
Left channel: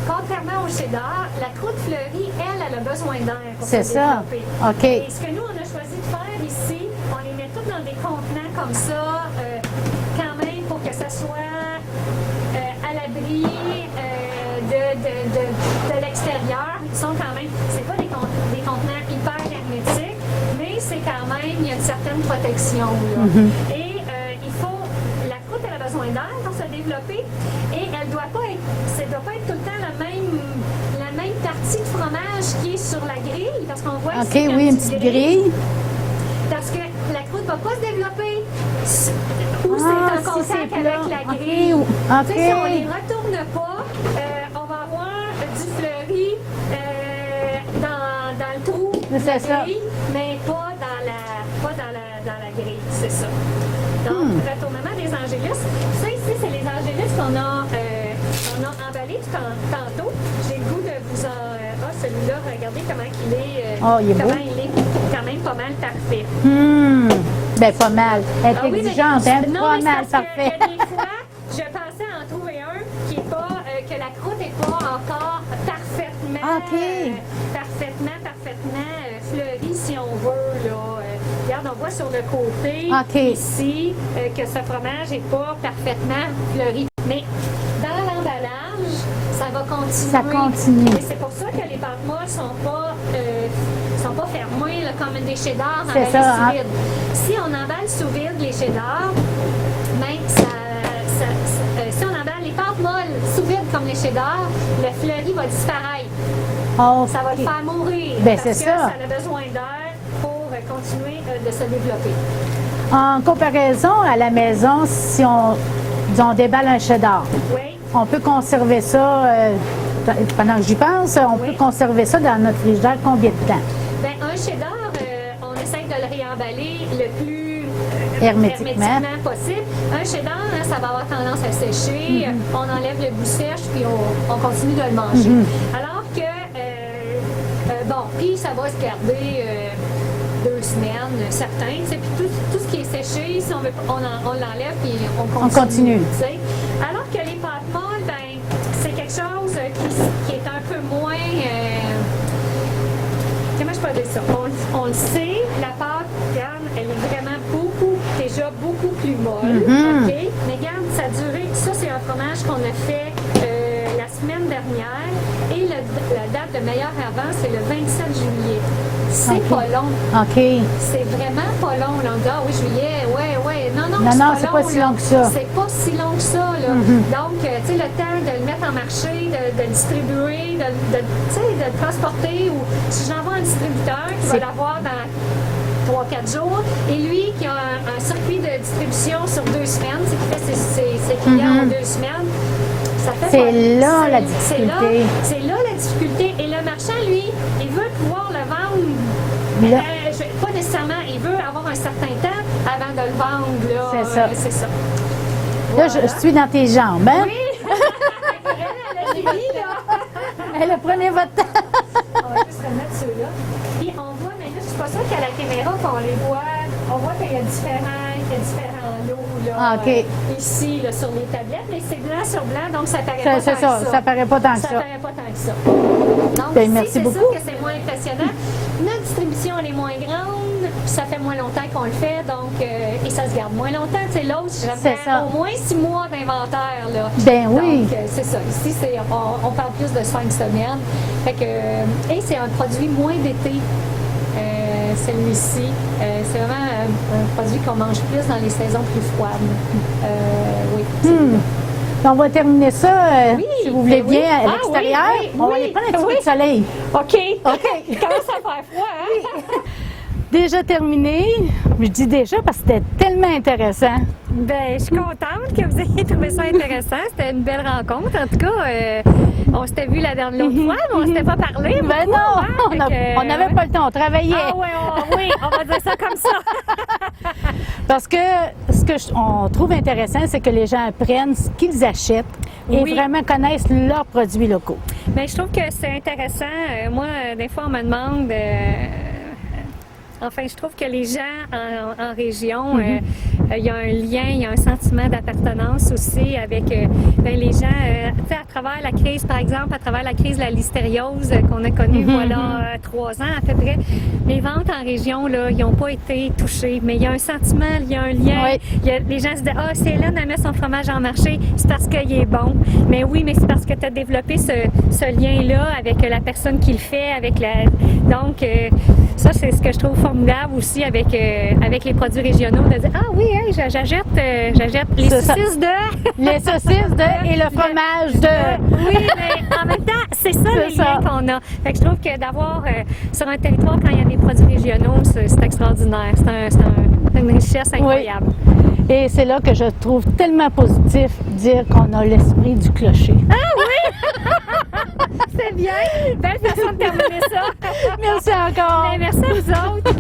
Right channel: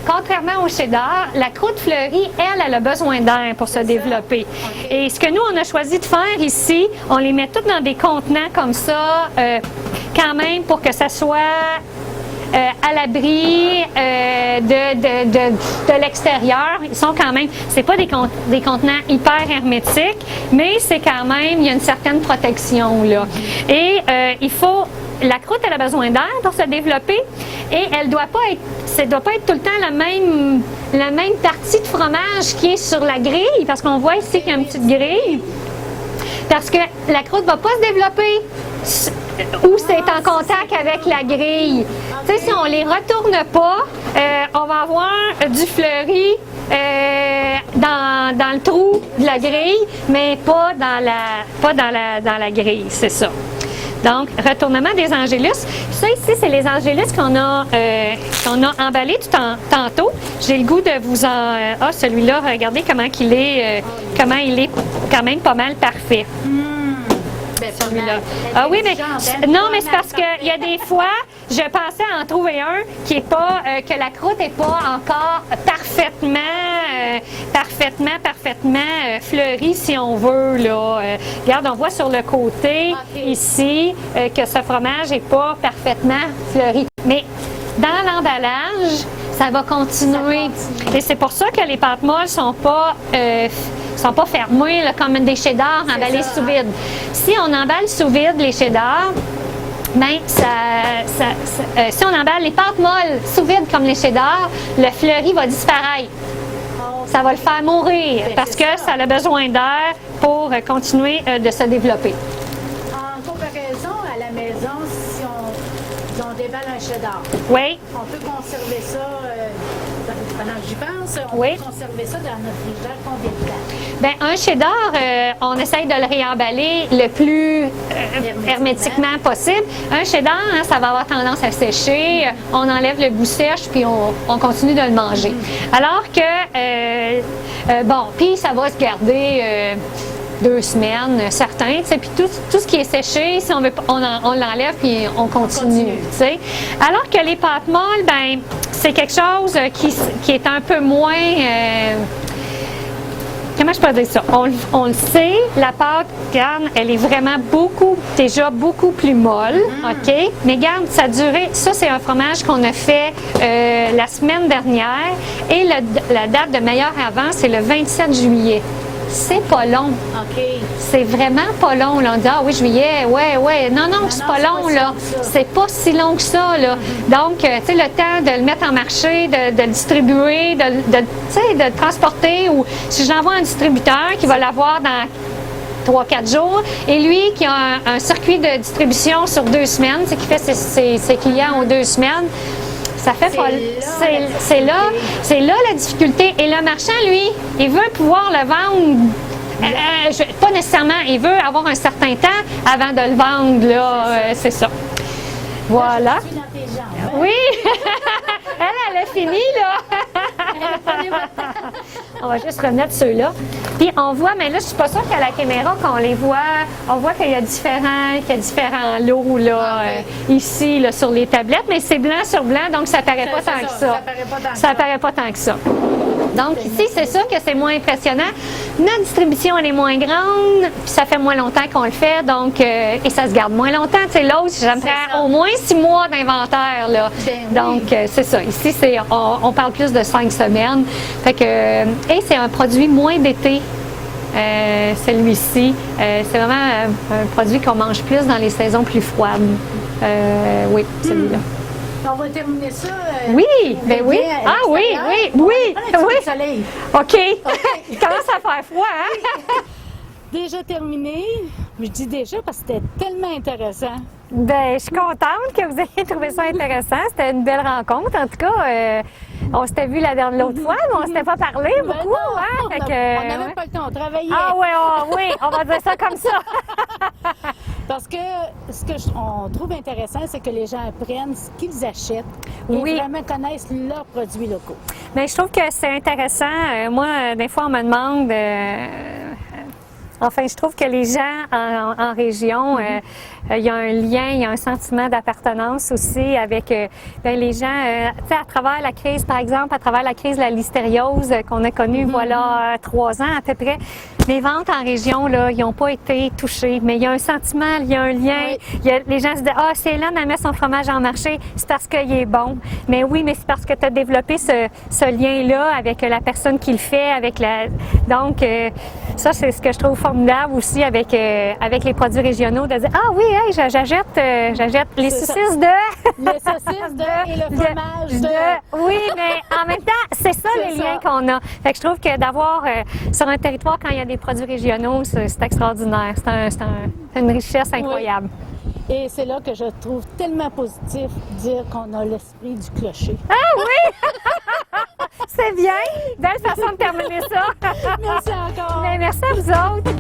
contrairement au cheddar, la croûte fleurie, elle a besoin d'air pour se C'est ça. développer. OK. Et ce que nous, on a choisi de faire ici, on les met toutes dans des contenants comme ça, quand même pour que ça soit à l'abri de l'extérieur. Ils sont quand même, c'est pas des contenants hyper hermétiques, mais c'est quand même, il y a une certaine protection là. Et la croûte, elle a besoin d'air pour se développer et elle doit pas être tout le temps la même partie de fromage qui est sur la grille, parce qu'on voit ici qu'il y a une petite grille. Parce que la croûte ne va pas se développer où c'est en contact avec la grille. OK. Tu sais, si on ne les retourne pas, on va avoir du fleuri dans le trou de la C'est ça. grille, mais pas dans la grille, c'est ça. Donc, retournement des Angélus. Ça ici, c'est les Angélus qu'on a emballés tantôt. J'ai le goût de vous en... celui-là, regardez comment il est, il est quand même pas mal parfait. Ben, pas mal. Ah oui, mais Intelligente, hein? non, Pas mais c'est mal, parce qu'il y a parfait. des fois, je pensais en trouver un qui est pas, que la croûte n'est pas encore parfaitement, fleurie, si on veut, là. Regarde, on voit sur le côté, OK. ici, que ce fromage n'est pas parfaitement fleuri. Mais dans l'emballage, ça va continuer. Ça continue. Et c'est pour ça que les pâtes molles sont pas fermées là, comme des cheddars C'est emballés ça, sous hein. vide. Si on emballe sous vide les cheddars, ben, si on emballe les pâtes molles sous vide comme les cheddars, le fleuri va disparaître. Oh, Ça va le faire mourir Ben, parce c'est que ça. ça a besoin d'air pour continuer de se développer. En comparaison à la maison, si on déballe un cheddar, Oui. on peut conserver ça, pendant que j'y pense, on Oui. peut conserver ça dans notre frigidaire combien de temps? Bien, un cheddar, on essaye de le réemballer le plus hermétiquement possible. Un cheddar, hein, ça va avoir tendance à sécher. On enlève le goût sèche, puis on continue de le manger. Alors que, puis ça va se garder 2 semaines, certains. Tu sais, puis tout ce qui est séché, si on veut, on l'enlève, puis on continue. Tu sais. Alors que les pâtes molles, ben, c'est quelque chose qui est un peu moins... comment je peux dire ça? On le sait, la pâte, regarde, elle est vraiment déjà beaucoup plus molle, OK? Mais regarde, ça c'est un fromage qu'on a fait la semaine dernière et la date de meilleur avant, c'est le 27 juillet. C'est pas long. OK. C'est vraiment pas long, là. On dit, ah oui, juillet, ouais. Non, c'est pas long, si là. long que ça. C'est pas si long que ça, là. Donc, tu sais, le temps de le mettre en marché, de le distribuer, tu sais, de le transporter, ou si j'envoie un distributeur qui va l'avoir dans 3-4 jours, et lui qui a un circuit de distribution sur 2 semaines, c'est qui fait ses clients en 2 semaines, ça fait C'est pas... là la difficulté. C'est là la difficulté. Et le marchand, lui, il veut pouvoir le vendre. Pas nécessairement, il veut avoir un certain temps avant de le vendre. Là, c'est ça. Là, Voilà. je suis dans tes jambes. Hein? Oui! elle a fini, là! Prenez votre temps. On va juste remettre ceux-là. Puis on voit, mais là, je suis pas sûre qu'à la caméra, qu'on les voit, on voit qu'il y a différents lots là, OK. ici là, sur les tablettes, mais c'est blanc sur blanc, donc ça paraît pas tant que ça. Ça paraît pas tant que ça. Ça paraît pas tant que ça. Donc Ben, ici, merci c'est sûr beaucoup. que c'est moins impressionnant. Notre distribution, elle est moins grande, puis ça fait moins longtemps qu'on le fait, donc, et ça se garde moins longtemps. Tu sais, l'autre, ça me C'est prend ça. au moins 6 mois d'inventaire, là. Ben oui. Donc, c'est ça. Ici, on parle plus de 5 semaines. Fait que, et c'est un produit moins d'été. Celui-ci, c'est vraiment un produit qu'on mange plus dans les saisons plus froides. Oui, celui-là. On va terminer ça. Oui, si vous mais voulez oui. bien, à Ah oui, l'extérieur. oui, On va oui, aller prendre un petit oui. peu de soleil. OK. Il commence à faire froid, hein? Déjà terminé. Je dis déjà parce que c'était tellement intéressant. Ben, je suis contente que vous ayez trouvé ça intéressant. C'était une belle rencontre. En tout cas, on s'était vu l'autre fois, mais on ne s'était pas parlé. Ben beaucoup, non, hein? Fait que, on n'avait pas le temps, on travaillait. Ah ouais, oui, on va dire ça comme ça. Parce que ce qu'on trouve intéressant, c'est que les gens apprennent ce qu'ils achètent et Oui. vraiment connaissent leurs produits locaux. Mais je trouve que c'est intéressant. Moi, des fois, on me demande. Enfin, je trouve que les gens en région, il y a un lien, il y a un sentiment d'appartenance aussi avec ben, les gens. Tu sais, à travers la crise, par exemple, à travers la crise de la listériose qu'on a connue, voilà, 3 ans à peu près, les ventes en région, là, ils n'ont pas été touchées. Mais il y a un sentiment, il y a un lien. Oui. Les gens se disent, ah, c'est là, elle met son fromage en marché, c'est parce qu'il est bon. Mais oui, mais c'est parce que tu as développé ce lien-là avec la personne qui le fait, avec la. Donc, ça, c'est ce que je trouve formidable aussi avec les produits régionaux, de dire, ah oui, hey, j'achète les C'est ça. saucisses de. Les saucisses de et le fromage de. Oui, mais en même temps, c'est ça C'est le ça. lien qu'on a. Fait que je trouve que d'avoir sur un territoire, quand il y a des produits régionaux, c'est extraordinaire. C'est une richesse incroyable. Et c'est là que je trouve tellement positif dire qu'on a l'esprit du clocher. C'est bien. Belle façon de terminer ça. Merci encore. Merci à vous autres.